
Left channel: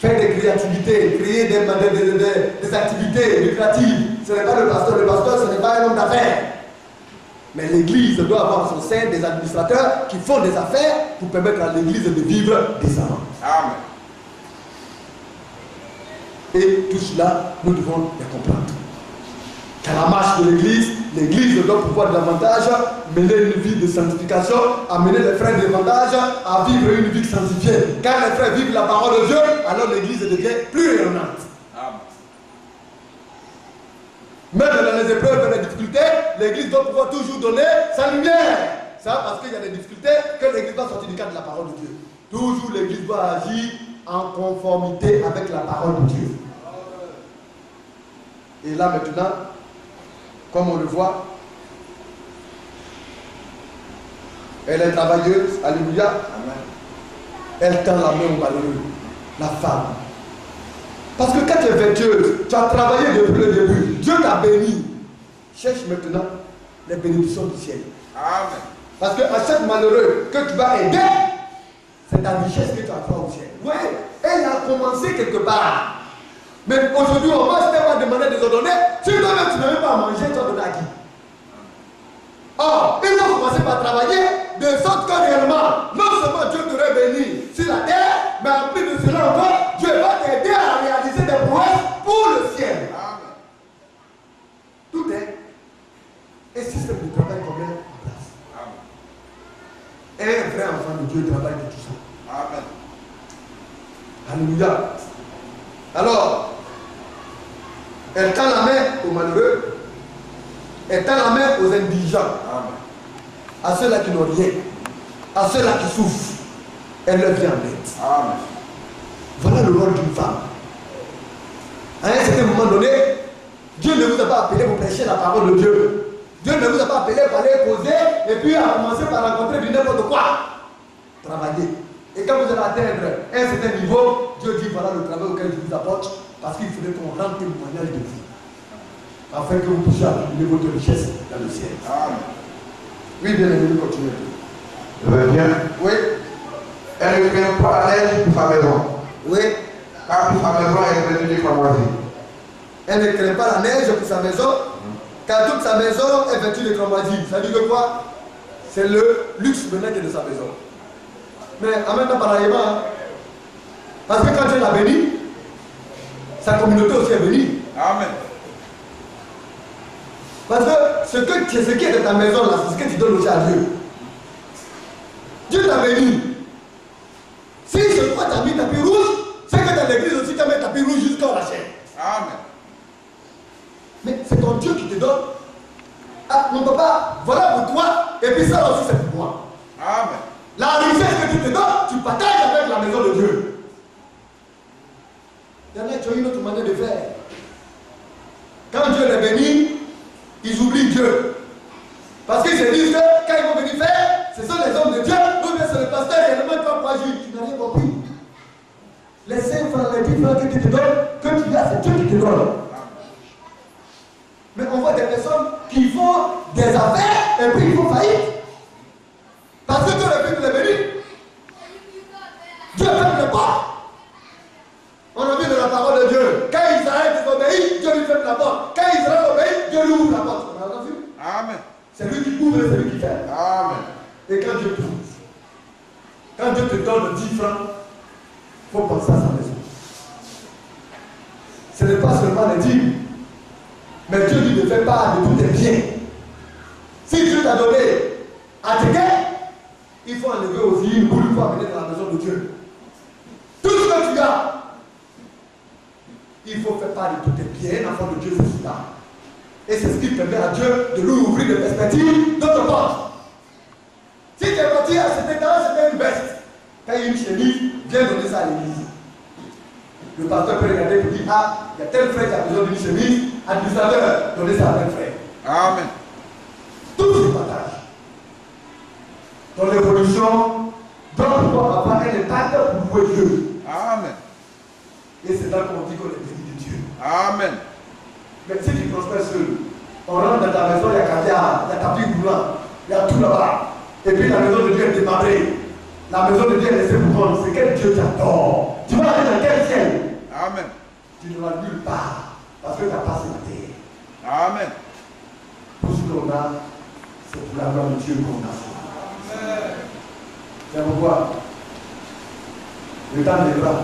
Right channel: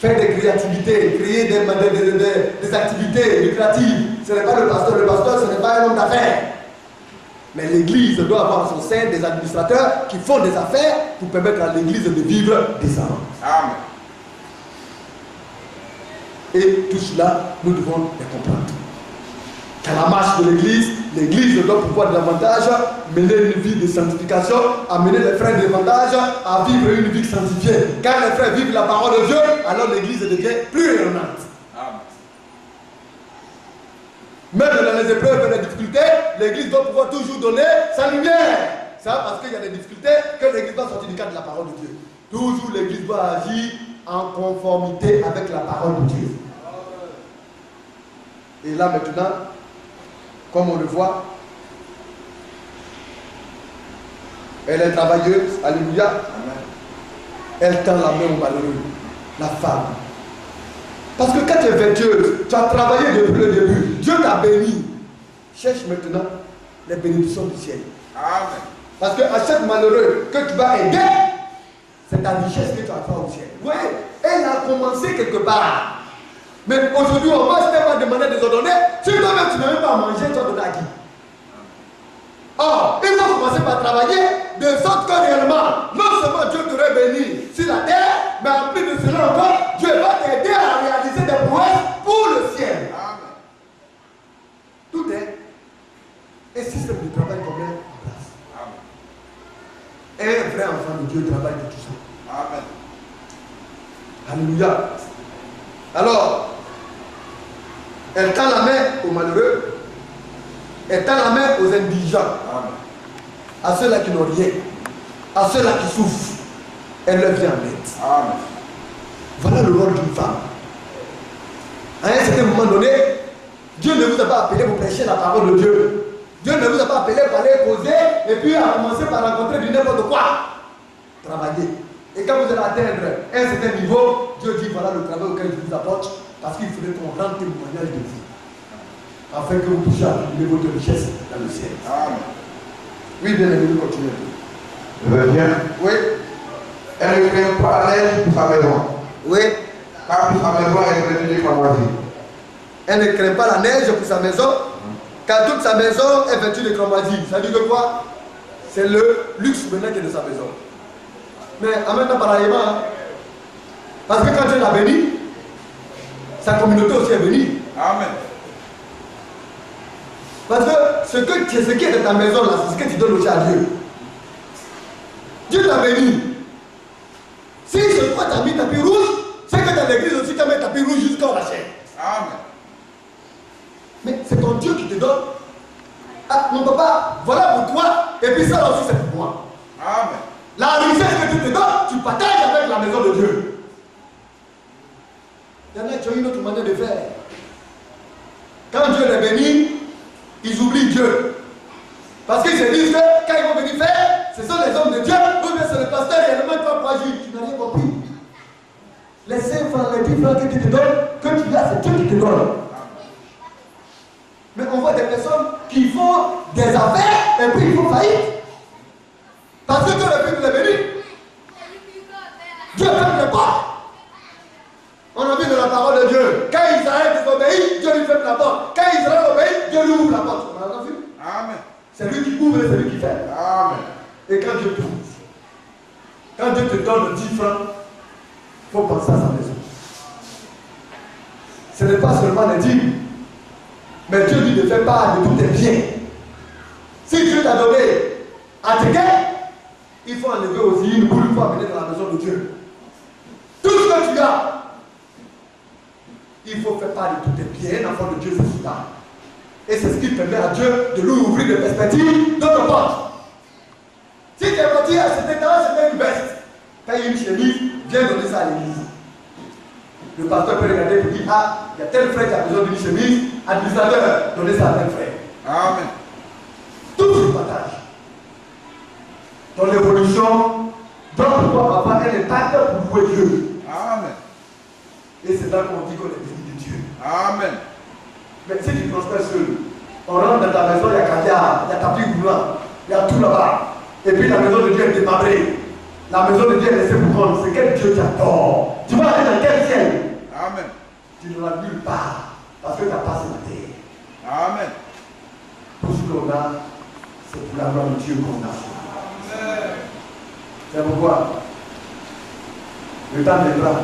Faire des créativités, créer des activités lucratives. Ce n'est pas le pasteur. Le pasteur, ce n'est pas un homme d'affaires. Mais l'église doit avoir en son sein des administrateurs qui font des affaires pour permettre à l'église de vivre décemment. Amen. Et tout cela, nous devons les comprendre. Qu'à la marche de l'église doit pouvoir davantage mener une vie de sanctification, amener les frères davantage à vivre une vie sanctifiée. Quand les frères vivent la parole de Dieu, alors l'église devient plus rayonnante. Même dans les épreuves et les difficultés, l'église doit pouvoir toujours donner sa lumière. C'est parce qu'il y a des difficultés que l'église doit sortir du cadre de la parole de Dieu. Toujours l'église doit agir en conformité avec la parole de Dieu. Et là maintenant, comme on le voit, elle est travailleuse, alléluia. Amen. Elle tend la main au malheureux, la femme. Parce que quand tu es vertueuse, tu as travaillé depuis le début, Dieu t'a béni. Cherche maintenant les bénédictions du ciel. Amen. Parce qu'à chaque malheureux que tu vas aider, c'est ta richesse que tu as fait au ciel. Oui, elle a commencé quelque part. Mais aujourd'hui, on va se demander des ordonnées. Si toi-même tu n'as même pas à manger, tu vas donner à qui? Or, il faut commencer par travailler de sorte que réellement, non seulement Dieu t'aurait béni sur la terre, mais en plus de cela encore, Dieu va t'aider à réaliser des prouesses pour le ciel. Amen. Tout est un système de travail qu'on met en place. Amen. Un vrai enfant de Dieu travaille de tout ça. Amen. Alléluia. Alors, elle tend la main aux malheureux, elle tend la main aux indigents, amen, à ceux-là qui n'ont rien, à ceux-là qui souffrent, elle leur vient en aide. Amen. Voilà le rôle d'une femme. À un certain moment donné, Dieu ne vous a pas appelé pour prêcher la parole de Dieu. Dieu ne vous a pas appelé pour aller causer et puis à commencer par rencontrer du n'importe quoi. Travaillez. Et quand vous allez atteindre un certain niveau, Dieu dit voilà le travail auquel je vous apporte, parce qu'il faudrait qu'on rende témoignage de vous, afin que vous puissiez accumuler votre richesse dans le ciel. Amen. Oui, bien aimé, continuez. Je veux bien. Oui. Elle ne craint pas la neige pour sa maison. Oui. Car pour sa maison est vêtue de cramoisie. Elle ne craint pas la neige pour sa maison, car toute sa maison est vêtue de cramoisie. Ça dit que quoi? C'est le luxe maintenant qui est de sa maison. Mais en même temps, pareillement, hein, parce que quand Dieu l'a béni, sa communauté aussi est bénie. Amen. Parce que ce qui est de ta maison là, c'est ce que tu donnes aussi à Dieu. Dieu t'a béni. Si ce fois tu as mis tapis rouge, c'est que dans l'église aussi tu as mis tapis rouge jusqu'au rachet. Amen. Mais c'est ton Dieu qui te donne. Ah, mon papa, voilà pour toi, et puis ça aussi c'est pour moi. Amen. La richesse que tu te donnes, tu partages avec la maison de Dieu. Il y en a qui ont une autre manière de faire. Quand Dieu les bénit, ils oublient Dieu. Parce qu'ils se disent que quand ils vont venir faire, ce sont les hommes de Dieu, ou bien c'est le pasteur réellement qui va pouvoir agir. Tu n'as rien compris. Les 5 francs, les 10 francs que tu te donnes, que tu as, c'est Dieu qui te donne. Mais on voit des personnes qui font des affaires et puis ils font faillite. Parce que Dieu les bénit. Dieu ferme les portes. On a vu dans la parole de Dieu, quand Israël désobéit, Dieu lui ferme la porte. Quand Israël obéit, Dieu lui ouvre la porte. On a vu? Amen. C'est lui qui ouvre et c'est lui qui ferme. Amen. Et quand Dieu t'ouvre, quand Dieu te donne 10 francs, il faut penser à sa maison. Ce n'est pas seulement les dîmes, mais Dieu lui ne fait pas de tous tes biens. Si Dieu t'a donné à tes gains, il faut enlever aussi une boule pour amener dans la maison de Dieu. Tout ce que tu as, il faut faire part de tous tes biens. Un enfant de Dieu, c'est cela. Et c'est ce qui permet à Dieu de lui ouvrir des perspectives d'autres portes. Si tu es parti à cet état, c'était une veste. Paye une chemise, viens donner ça à l'église. Le pasteur peut regarder et dire, ah, il y a tel frère qui a besoin d'une chemise, administrateur, donnez ça à tel frère. Amen. Tout se partage. Ton évolution doit pouvoir avoir un impact pour louer Dieu. Amen. Et c'est là qu'on dit qu'on est béni de Dieu. Amen. Mais si tu prospères seul, on rentre dans ta maison, il y a caviar, il y a tapis roulant, il y a tout là-bas. Et puis la maison de Dieu est démarrée. La maison de Dieu est laissée pour toi. C'est quel Dieu t'adore. Tu vas aller dans quel ciel? Amen. Tu ne vas nulle part. Parce que tu n'as pas sur la terre. Amen. Tout ce qu'on a, c'est pour la gloire de Dieu qu'on a. Amen. C'est pourquoi le temps viendra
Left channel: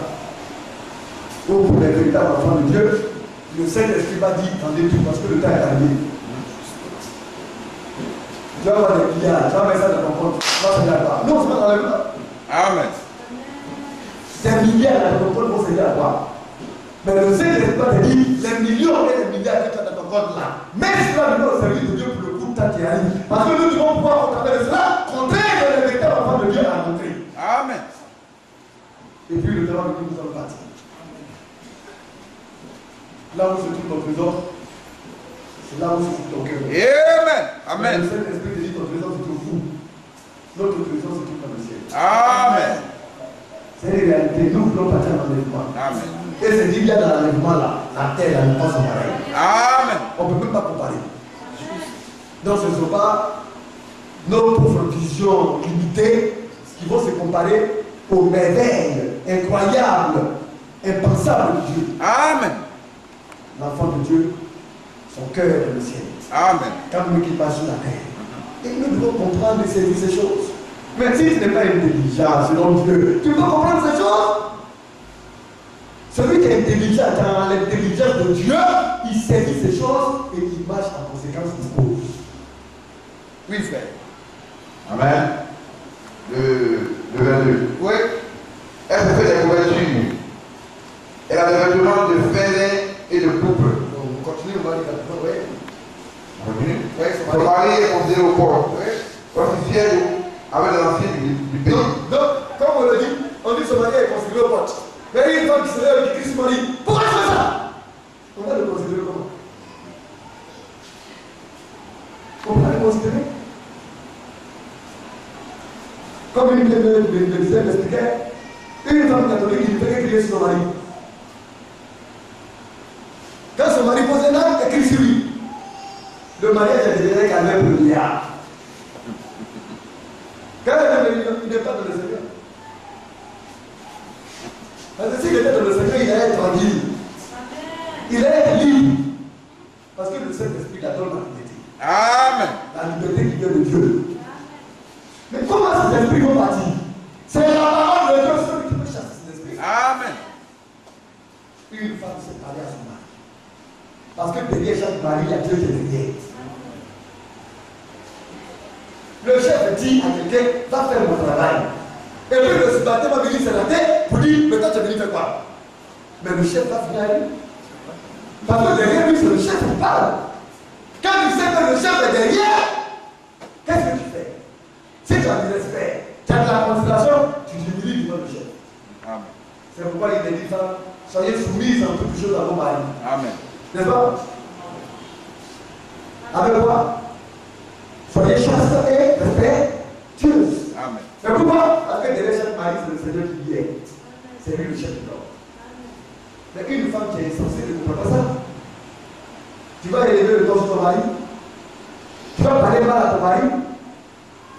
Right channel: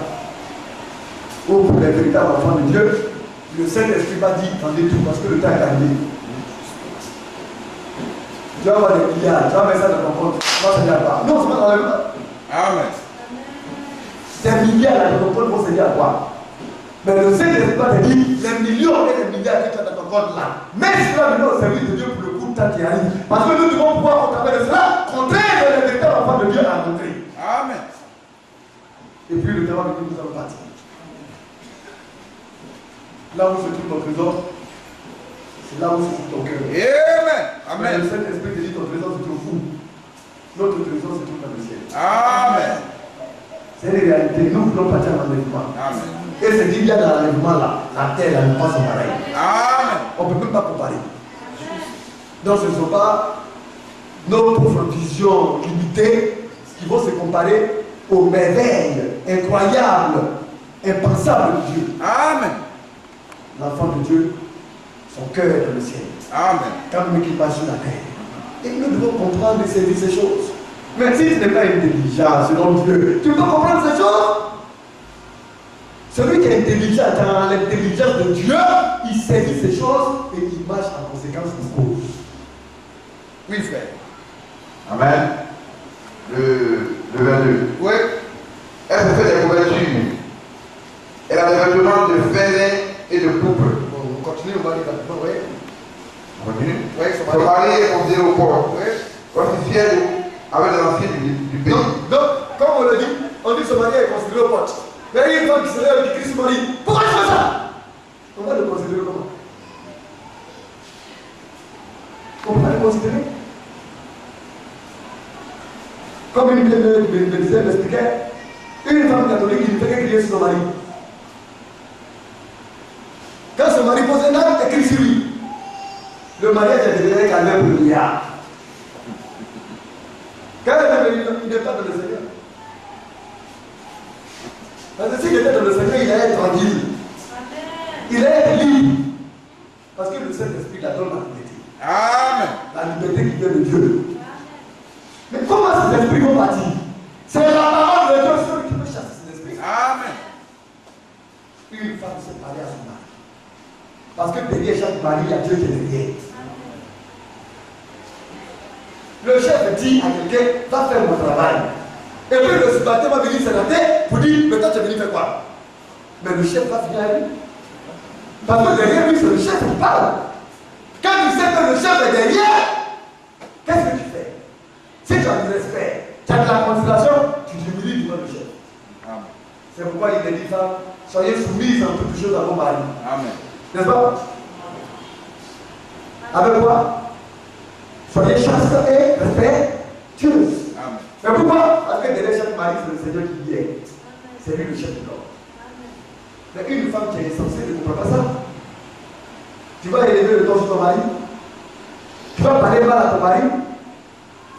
où pour les véritables enfants de Dieu, le Saint-Esprit va dire, attendez tout, parce que le temps est arrivé. Tu vas avoir des milliards, tu vas mettre ça dans ton compte, tu vas se dire à quoi? Non, c'est pas dans le monde. Amen. Des milliards dans ton compte vont se dire à quoi? Mais le Saint-Esprit va te dire, les millions et les milliards que tu as dans ton compte là, mets cela maintenant au service de Dieu pour le coup de temps qui arrive. Parce que nous devons pouvoir, au travers de cela, contraire les véritables enfants de Dieu à montrer. Amen. Et puis le terrain de Dieu nous allons partir. Là où se trouve ton trésor, c'est là où se trouve ton cœur. Amen. Amen. Le Saint-Esprit te dit ton trésor se trouve où? Notre trésor se trouve dans le ciel. Amen. C'est une réalité. Nous voulons partir en enlèvement. Amen. Et ce qu'il y a dans l'enlèvement là, la terre là, ne pas se pareil. Amen. On ne peut même pas comparer. Donc ce ne sont pas nos pauvres visions limitées qui vont se comparer aux merveilles incroyables, impensables de Dieu. Amen. L'enfant de Dieu, son cœur est dans le ciel. Amen. Quand même qu'il passe sur la terre. Et nous devons comprendre et saisir ces choses. Mais si tu n'es pas intelligent selon Dieu, tu peux comprendre ces choses. Celui qui est intelligent dans l'intelligence de Dieu, il saisit ces choses et il marche en conséquence des causes. Oui, frère. Amen. Le 22. Oui. Elle se fait des couvertures. Elle a des vêtements de fêlés et de pourpre. Bon, on continue, on va aller là-dedans, oui. On continue. Oui, Son mari est considéré au port. Oui. Officiel avec les anciens du pays. Donc, comme on le dit, on dit que son mari est considéré au pote. Mais il y a une femme qui se lève et qui crie son mari. Pourquoi tu fais ça? On va le considérer comment? Comment on va le considérer? Comme une me disait, m'expliquait, une femme catholique qui ne fait que crier sur son mari. Quand son mari pose un acte, elle crie sur lui. Le mariage est devenu calme pour le milliard. Quand elle est venue, il n'est pas dans le Seigneur. Parce que s'il était dans le Seigneur, il allait être tranquille. Il allait être libre. Parce que le Saint-Esprit la donne la liberté. Amen. La liberté qui vient de Dieu. Mais comment ces esprits vont partir? C'est la parole de Dieu celui qui peut chasser ces esprits. Amen. Une femme s'est parlée à son mari. Parce que derrière chaque mari, il y a Dieu qui est derrière. Le chef dit à quelqu'un, va faire mon travail. Et puis le subalterne va venir se la tête pour dire, mais toi tu es venu faire quoi? Mais le chef va finir à lui. Parce que derrière lui, c'est le chef qui parle. Quand tu sais que le chef est derrière, qu'est-ce que tu fais? Si tu as du respect, tu as de la considération, tu t'humilies devant le chef. Amen. C'est pourquoi il te dit, femme, soyez soumises en toutes choses à vos maris. Amen. N'est-ce pas? Avec quoi? Soyez chaste et respectueuses. Amen. Mais pourquoi? Parce que derrière chaque mari, c'est le Seigneur qui y est. C'est lui le chef de l'homme. Mais une femme qui est censée ne comprend pas ça. Tu vas élever le temps sur ton mari. Tu vas parler mal à ton mari,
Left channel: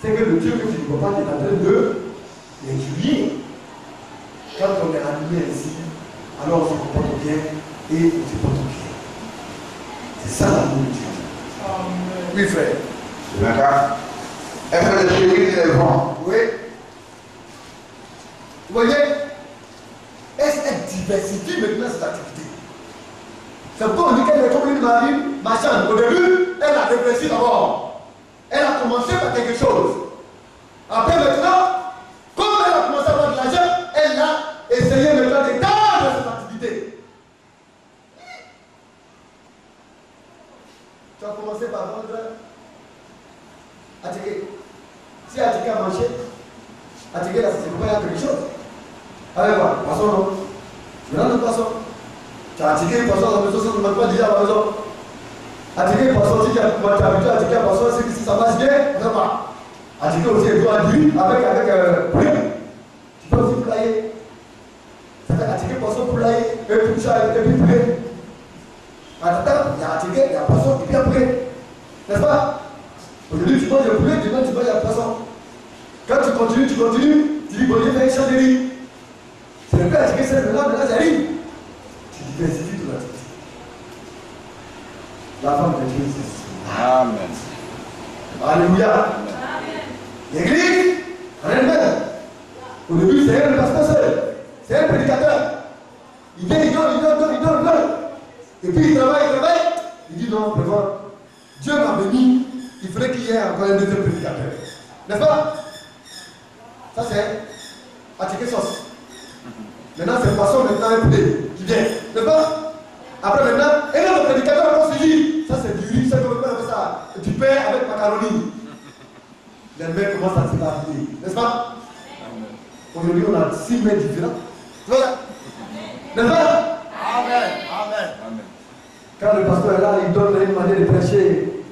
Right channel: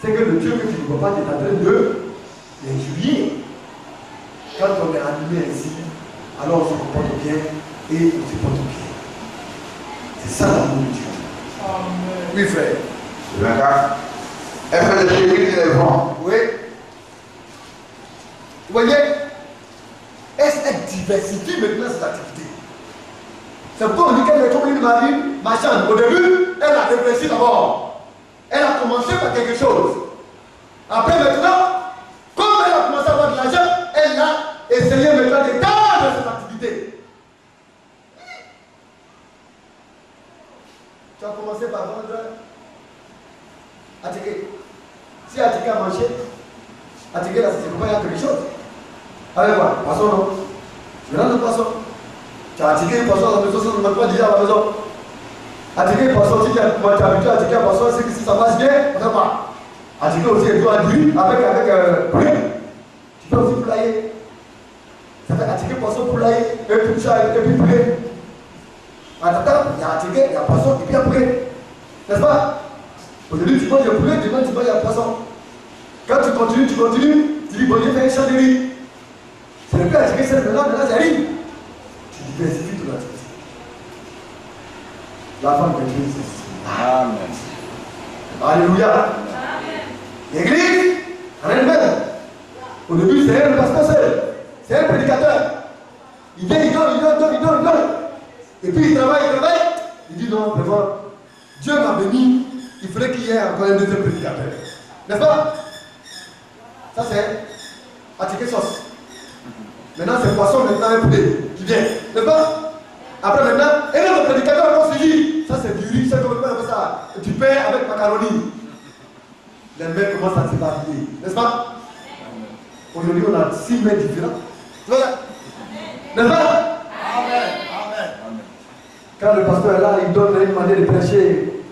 c'est que le Dieu que tu ne vois pas, tu es en train de l'injurier. Quand on est animé ainsi, alors on se comporte bien et on se porte bien. C'est ça l'amour de Dieu. Amen. Oui, frère. Le 24. Elle fait le chéri et les vents. Oui. Vous voyez, elle diversifie maintenant ses activités. C'est pourquoi on dit qu'elle est comme une marine marchande. Au début, elle a réfléchi d'abord. Elle a commencé par quelque chose. Après maintenant, comme elle a commencé à avoir de l'argent, elle a essayé maintenant d'étendre ses activités. Tu as commencé par vendre Attiqué. Si Attiqué a mangé, Attiqué là, c'est pourquoi il y a quelque chose. Avec quoi? Poisson, non? Tu rentres le poisson. Tu as Attiqué le poisson à la maison, ça ne mange pas déjà à la maison. Attiqué le poisson, si tu es habitué à Attiqué le poisson, c'est que si ça passe bien, on ne fait pas. Attiqué aussi, il doit dire avec poulet. Tu peux aussi poulailler. Ça fait Attiqué le poisson, poulailler, et puis chat, et puis poulet. En attendant, il y a Attiqué, il y a poisson, et puis il y a poulet. N'est-ce pas? Aujourd'hui, tu manges le poulet, demain, tu manges le poisson. Quand tu continues, tu dis, bon Dieu, fais un champ de riz. C'est le plus Attiqué, c'est le maintenant, j'arrive. Tu diversifies ton activité. La femme de Dieu, c'est ça. Amen. Alléluia. Amen. L'église, en elle-même. Au début, c'est elle le pasteur seul. C'est elle le prédicateur. Il vient, il donne. Et puis il travaille. Il dit non, vraiment, Dieu m'a béni, il faudrait qu'il y ait encore un deuxième prédicateur. N'est-ce pas? Ça c'est Attiqué sauce. Maintenant c'est poisson, maintenant un poulet qui vient. N'est-ce pas? Après maintenant, un autre prédicateur qu'on se dit, ça c'est du riz, c'est comme on appelle ça, du pain avec macaroni. Les mains commencent à se varier. N'est-ce pas? Aujourd'hui on a 6 mains différents. N'est-ce pas? Amen. Quand le pasteur est là, il donne une manière de prêcher.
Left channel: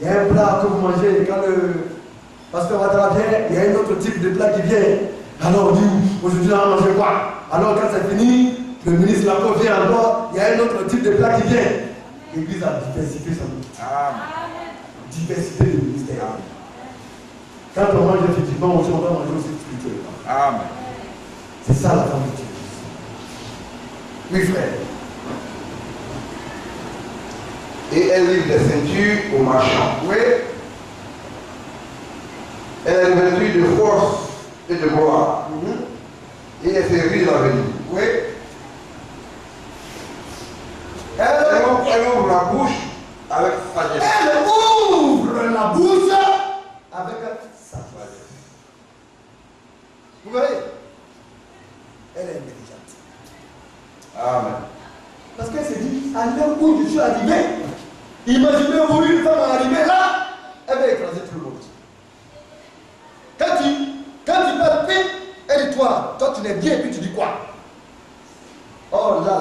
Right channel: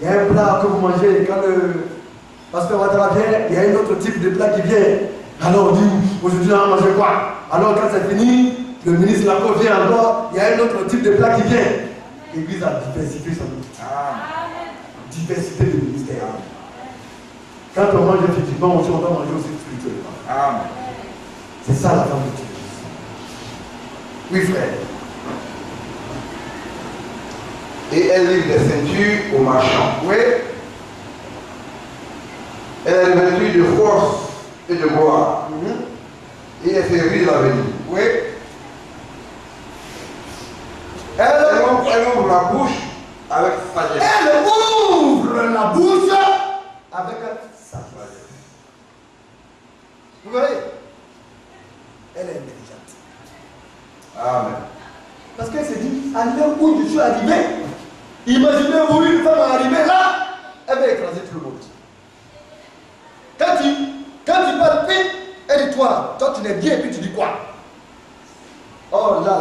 Il y a un plat que vous mangez. Quand le pasteur Ouattara vient, il y a un autre type de plat qui vient. Alors on dit, aujourd'hui on va manger quoi? Alors quand c'est fini, le ministre Lacroix vient encore, il y a un autre type de plat qui vient. L'église a diversifié son ministère. Diversité de ministère. Quand on mange effectivement, on doit manger aussi spirituellement. Amen. C'est ça la femme de Dieu. Oui frère. Et elle livre des ceintures aux marchands. Oui. Elle est revêtue de force et de gloire. Et elle fait rire l'avenir. Oui. Elle ouvre la bouche avec sagesse. Elle ouvre la bouche avec sagesse. Vous voyez? Elle est intelligente. Amen. Parce qu'elle s'est dit, à l'heure où je suis arrivé, imaginez-vous une femme arrivée là, elle va écraser tout le monde. Quand tu parles vite, elle dit toi tu n'es bien, et puis tu dis quoi? Oh là,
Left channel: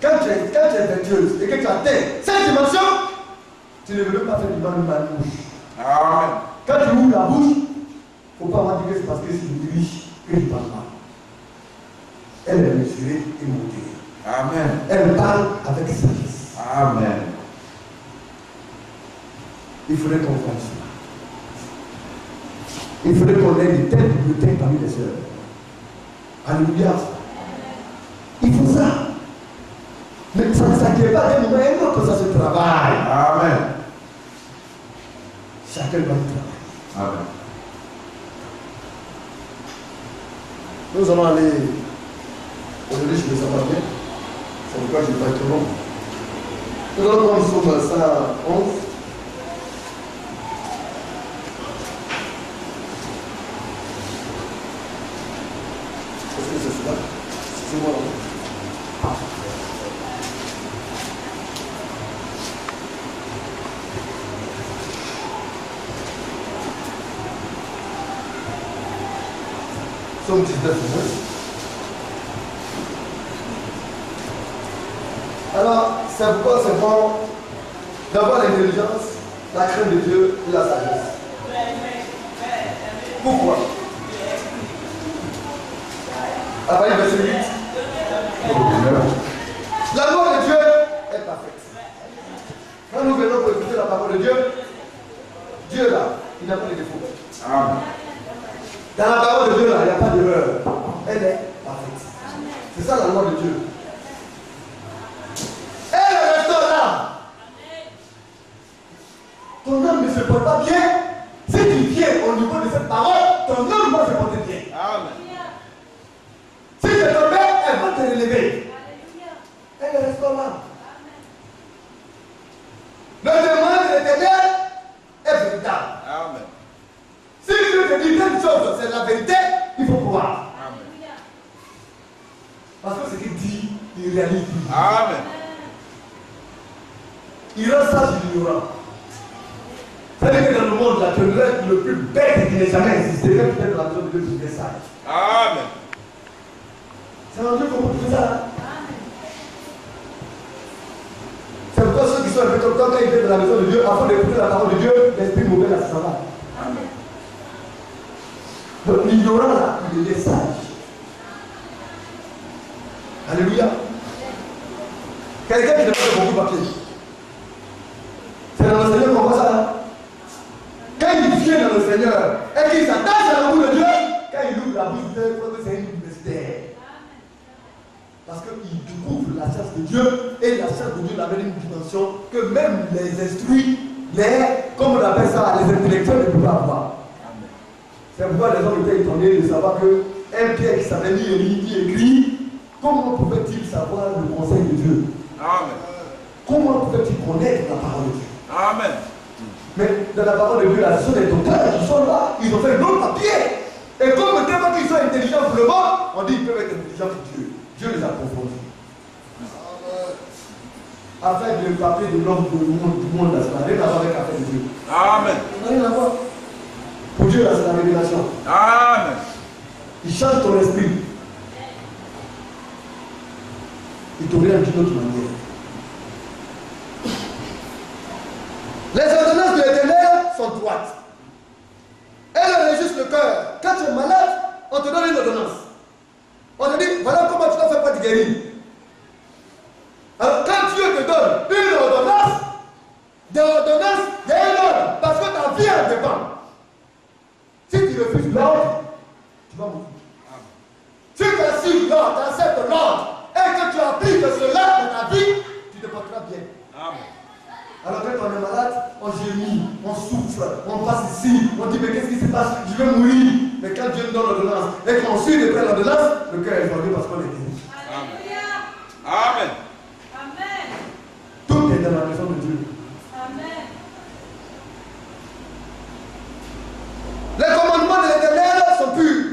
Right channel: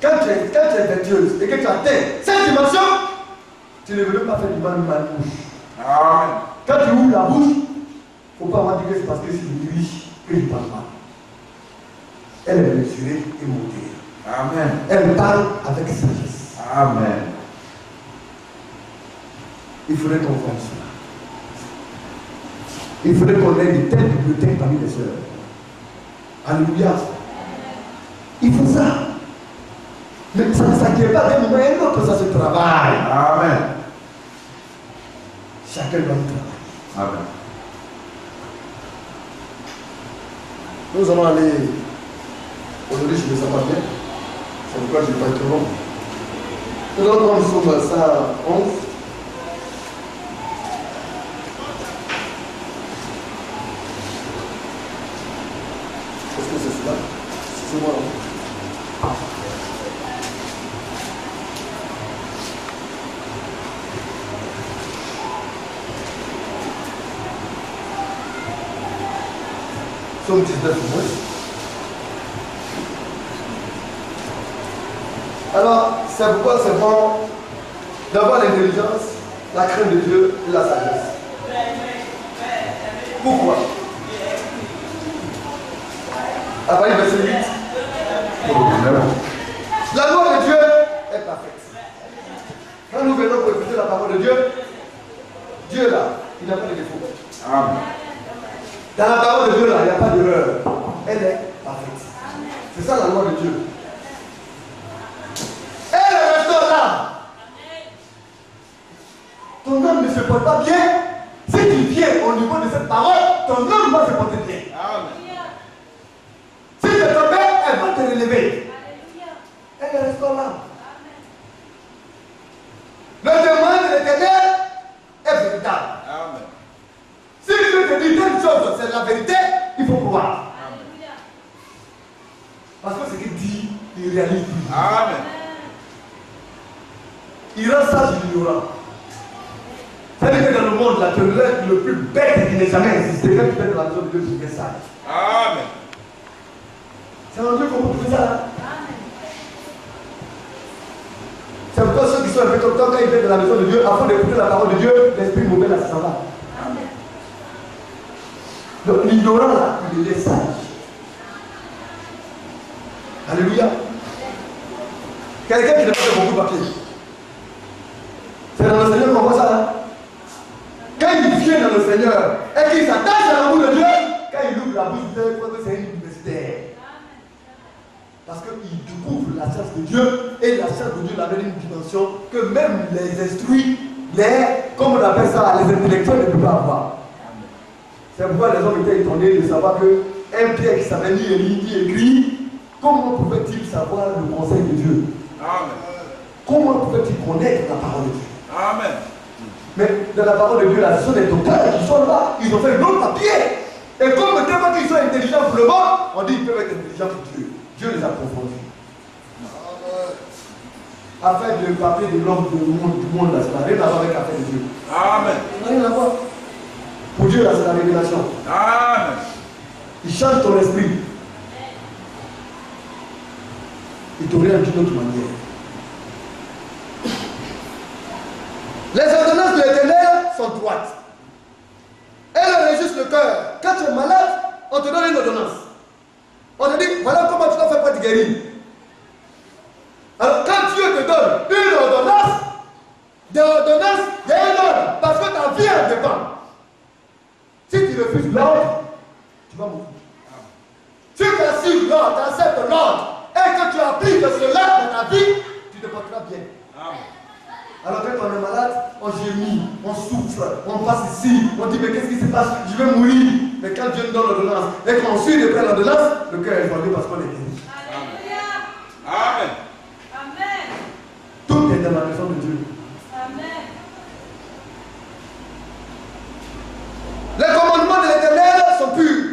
quand tu es vertueuse et que tu atteins cette dimension, tu ne veux pas faire du mal à la bouche. Amen. Quand tu ouvres la bouche, il ne faut pas avoir dit que c'est parce que je suis riche que je parle mal. Elle est mesurée et modérée. Amen. Elle parle avec sagesse. Amen. Il faudrait qu'on fasse cela. Il faudrait qu'on ait de telles bibliothèques parmi les sœurs. Alléluia. Il faut ça. Mais ça ne s'acquiert pas d'un moment à un autre, ça se travaille. Amen. Chacun doit y travailler. Amen. Nous allons aller aujourd'hui chez les Samaritains. C'est pourquoi je ne vais pas être long. Nous allons prendre Somme 111. Est-ce que c'est cela? C'est moi. Somme 19. Alors, c'est pourquoi c'est bon d'avoir l'intelligence, la crainte de Dieu et la sagesse. Pourquoi? À partir du verset 8. La loi de Dieu est parfaite. Quand nous venons pour écouter la parole de Dieu, Dieu là, il n'a pas de défaut. Amen. Dans la parole de Dieu là, il n'y a pas d'erreur. Elle est parfaite. C'est ça la loi de Dieu. Et le restant là, ton âme ne se porte pas bien. Si tu viens au niveau de cette parole, ton âme va se porter bien. Amen. Si tu te tombes, elle va te relever. Elle reste là. Le témoin de l'Éternel est véritable. Amen. Si Dieu te dit telle chose, c'est la vérité, il faut croire. Amen. Parce que ce qu'il dit, il réalise. Amen. Il rend sage ignorant. C'est-à-dire que dans le monde, là, tu es le plus bête qui n'ait jamais existé. Quand tu fais de la maison de Dieu, tu fais sage. Amen. C'est un Dieu qu'on peut trouver ça là. C'est pourquoi ceux qui sont un peu comme toi, quand ils viennent de la maison de Dieu, avant d'écouter la parole de Dieu, l'esprit mauvais là, ça va. Donc l'ignorant là, il est sage. Alléluia. Quelqu'un qui n'a pas de beaucoup de papier. C'est dans le Seigneur qu'on voit ça là. Quand il vient dans le Seigneur et qu'il s'attache à l'amour de Dieu, quand il ouvre la bouche, il croit que c'est une universitaire. Parce qu'il découvre la science de Dieu et la science de Dieu l'amène une dimension que même les instruits, comme on appelle ça, les intellectuels ne peuvent pas avoir. C'est pourquoi les hommes étaient étonnés de savoir qu'un Pierre qui s'appelle ni Élie ni écrit, comment pouvait-il savoir le conseil de Dieu? Amen. Comment pouvait-il connaître la parole de Dieu? Amen. Mais dans la parole de Dieu, la seule des docteurs qui sont là, ils ont fait un autre papier. Et comme tellement qu'ils sont intelligents pour le monde, on dit qu'ils peuvent être intelligents pour Dieu. Dieu les a confondus. Affaire de papier de l'homme du monde, là, ça n'a rien à voir avec l'affaire de Dieu. Amen. Ça n'a rien à voir. Pour Dieu, là, c'est la révélation. Amen. Il change ton esprit. Il t'oriente d'une autre manière. Les ordonnances de l'Éternel sont droites. Elles réjouissent le cœur. Quand tu es malade, on te donne une ordonnance. On te dit, voilà comment tu dois faire pour te guérir. Alors quand Dieu te donne une ordonnance, des ordonnances, il y a un ordre. Parce que ta vie en dépend. Si tu refuses l'ordre, tu vas mourir. Si tu assumes l'ordre, tu acceptes l'ordre, et que tu appliques cela dans ta vie, tu te porteras bien. Amen. Alors quand on est malade, on gémit, on souffre, on passe ici, on dit mais qu'est-ce qui se passe? Je vais mourir. Mais quand Dieu nous donne l'ordonnance et qu'on suit de près l'ordonnance, le cœur est joyeux parce qu'on est guéri. Amen. Amen. Tout est dans la maison de Dieu. Amen. Les commandements de l'Éternel sont purs.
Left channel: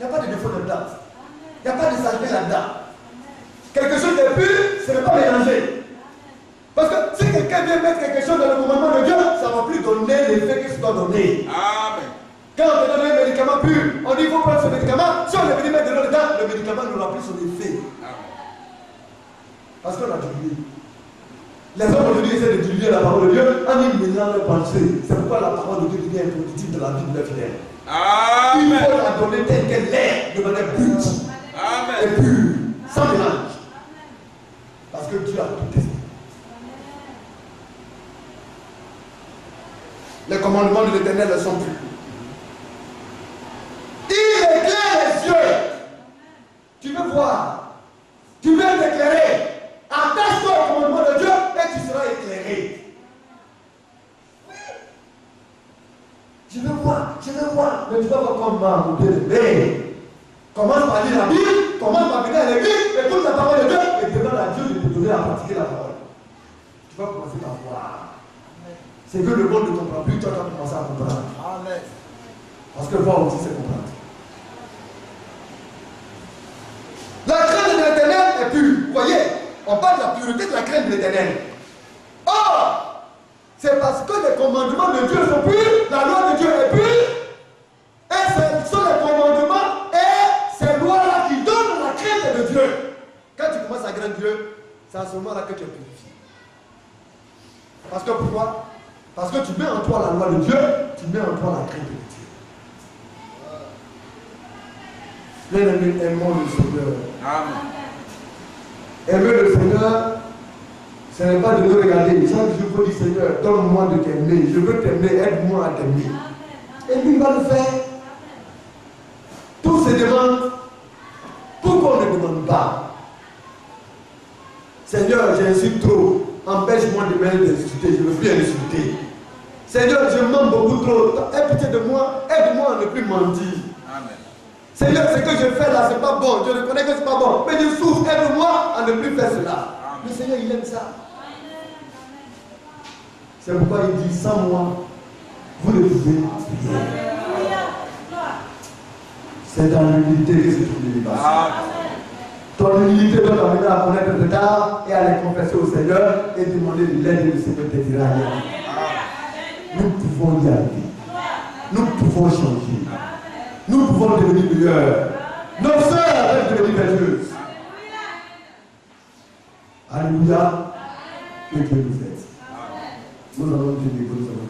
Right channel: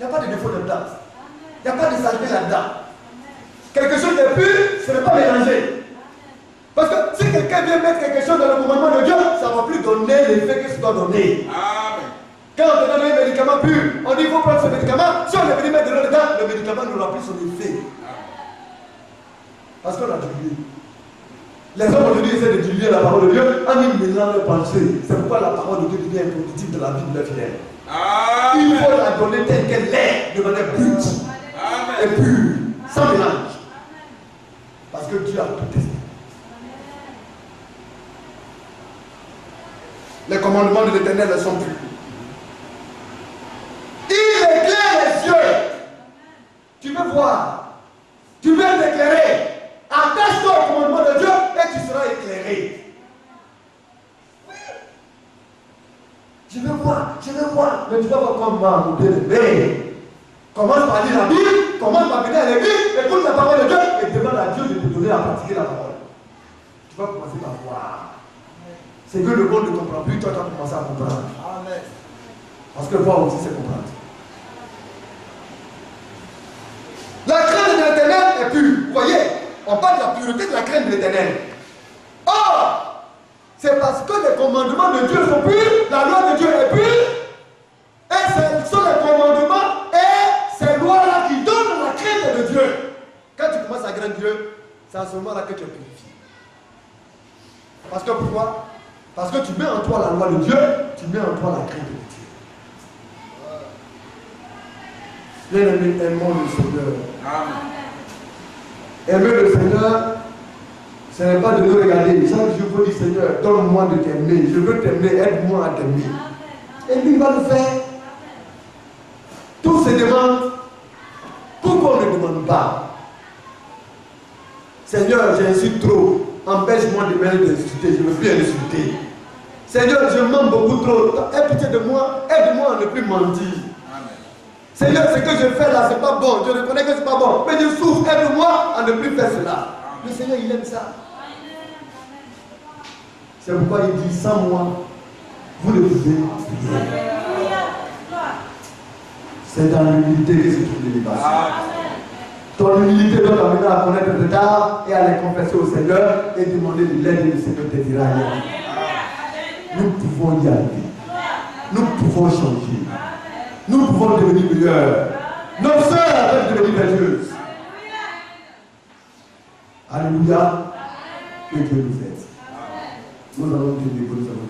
Il n'y a pas de défaut là-dedans. Il n'y a pas de saleté là-dedans. Quelque chose de pur, ce n'est pas mélangé. Parce que si quelqu'un vient mettre quelque chose dans le commandement de Dieu, ça ne va plus donner l'effet que ça doit donner. Amen. Quand on te donne un médicament pur, on dit qu'il faut prendre ce médicament. Si on est venu mettre de l'eau dedans, le médicament n'aura plus son effet. Parce qu'on a dilué. Les hommes aujourd'hui essaient de diluer la parole de Dieu en y mêlant leurs pensées. C'est pourquoi la parole de Dieu devient improductive dans la vie de leurs fidèles. Il faut la donner telle qu'elle est, de manière brute et pure, sans mélange. Parce que Dieu a tout testé. Les commandements de l'Éternel sont purs. Il éclaire les yeux. Tu veux voir. Tu veux t'éclairer. Attache-toi au commandement de Dieu et tu seras éclairé. Oui. Je veux voir. Mais tu dois voir comment, mon bien-aimé. Commence par lire la Bible, commence par venir à l'église, écoute la parole de Dieu et demande à Dieu de te donner à pratiquer la parole. Tu vas commencer par voir. C'est que le monde ne comprend plus, toi tu vas commencer à comprendre. Amen. Parce que voir aussi c'est comprendre. La crainte de l'Éternel est pure. Vous voyez, on parle de la pureté de la crainte de l'Éternel. Or, c'est parce que les commandements de Dieu sont purs, la loi de Dieu est pure, et ce sont les commandements et ces lois-là qui donnent la crainte de Dieu. Quand tu commences à craindre Dieu, c'est à ce moment-là que tu es purifié. Parce que pourquoi? Parce que tu mets en toi la loi de Dieu, tu mets en toi la crainte de Dieu. Bien-aimés, aimons le Seigneur. Amen. Aimer le Seigneur, Ce n'est pas de nous regarder. Chaque jour, il faut dire Seigneur, donne-moi de t'aimer. Je veux t'aimer, aide-moi à t'aimer. Et lui, il va le faire. Tous se demandent pourquoi on ne demande pas. Seigneur, j'insulte trop. Empêche-moi de m'insulter. Je ne veux plus insulter. Seigneur, je mens beaucoup trop. Aie pitié de moi. Aide-moi à ne plus mentir. Seigneur, ce que je fais là, ce n'est pas bon. Je reconnais que ce n'est pas bon. Mais je souffre. Aide-moi à ne plus faire cela. Le Seigneur, il aime ça. C'est pourquoi il dit, sans moi, vous ne pouvez prier. C'est dans l'humilité que se trouve l'élévation. Ton humilité doit t'amener à connaître tes tares et à les confesser au Seigneur et demander de l'aide et le Seigneur te dira rien. Nous pouvons y aller. Nous pouvons changer. Nous pouvons devenir meilleurs. Nos sœurs peuvent devenir vertueuses. Alléluia. Que Dieu nous aide. Nous allons te dire que nous avons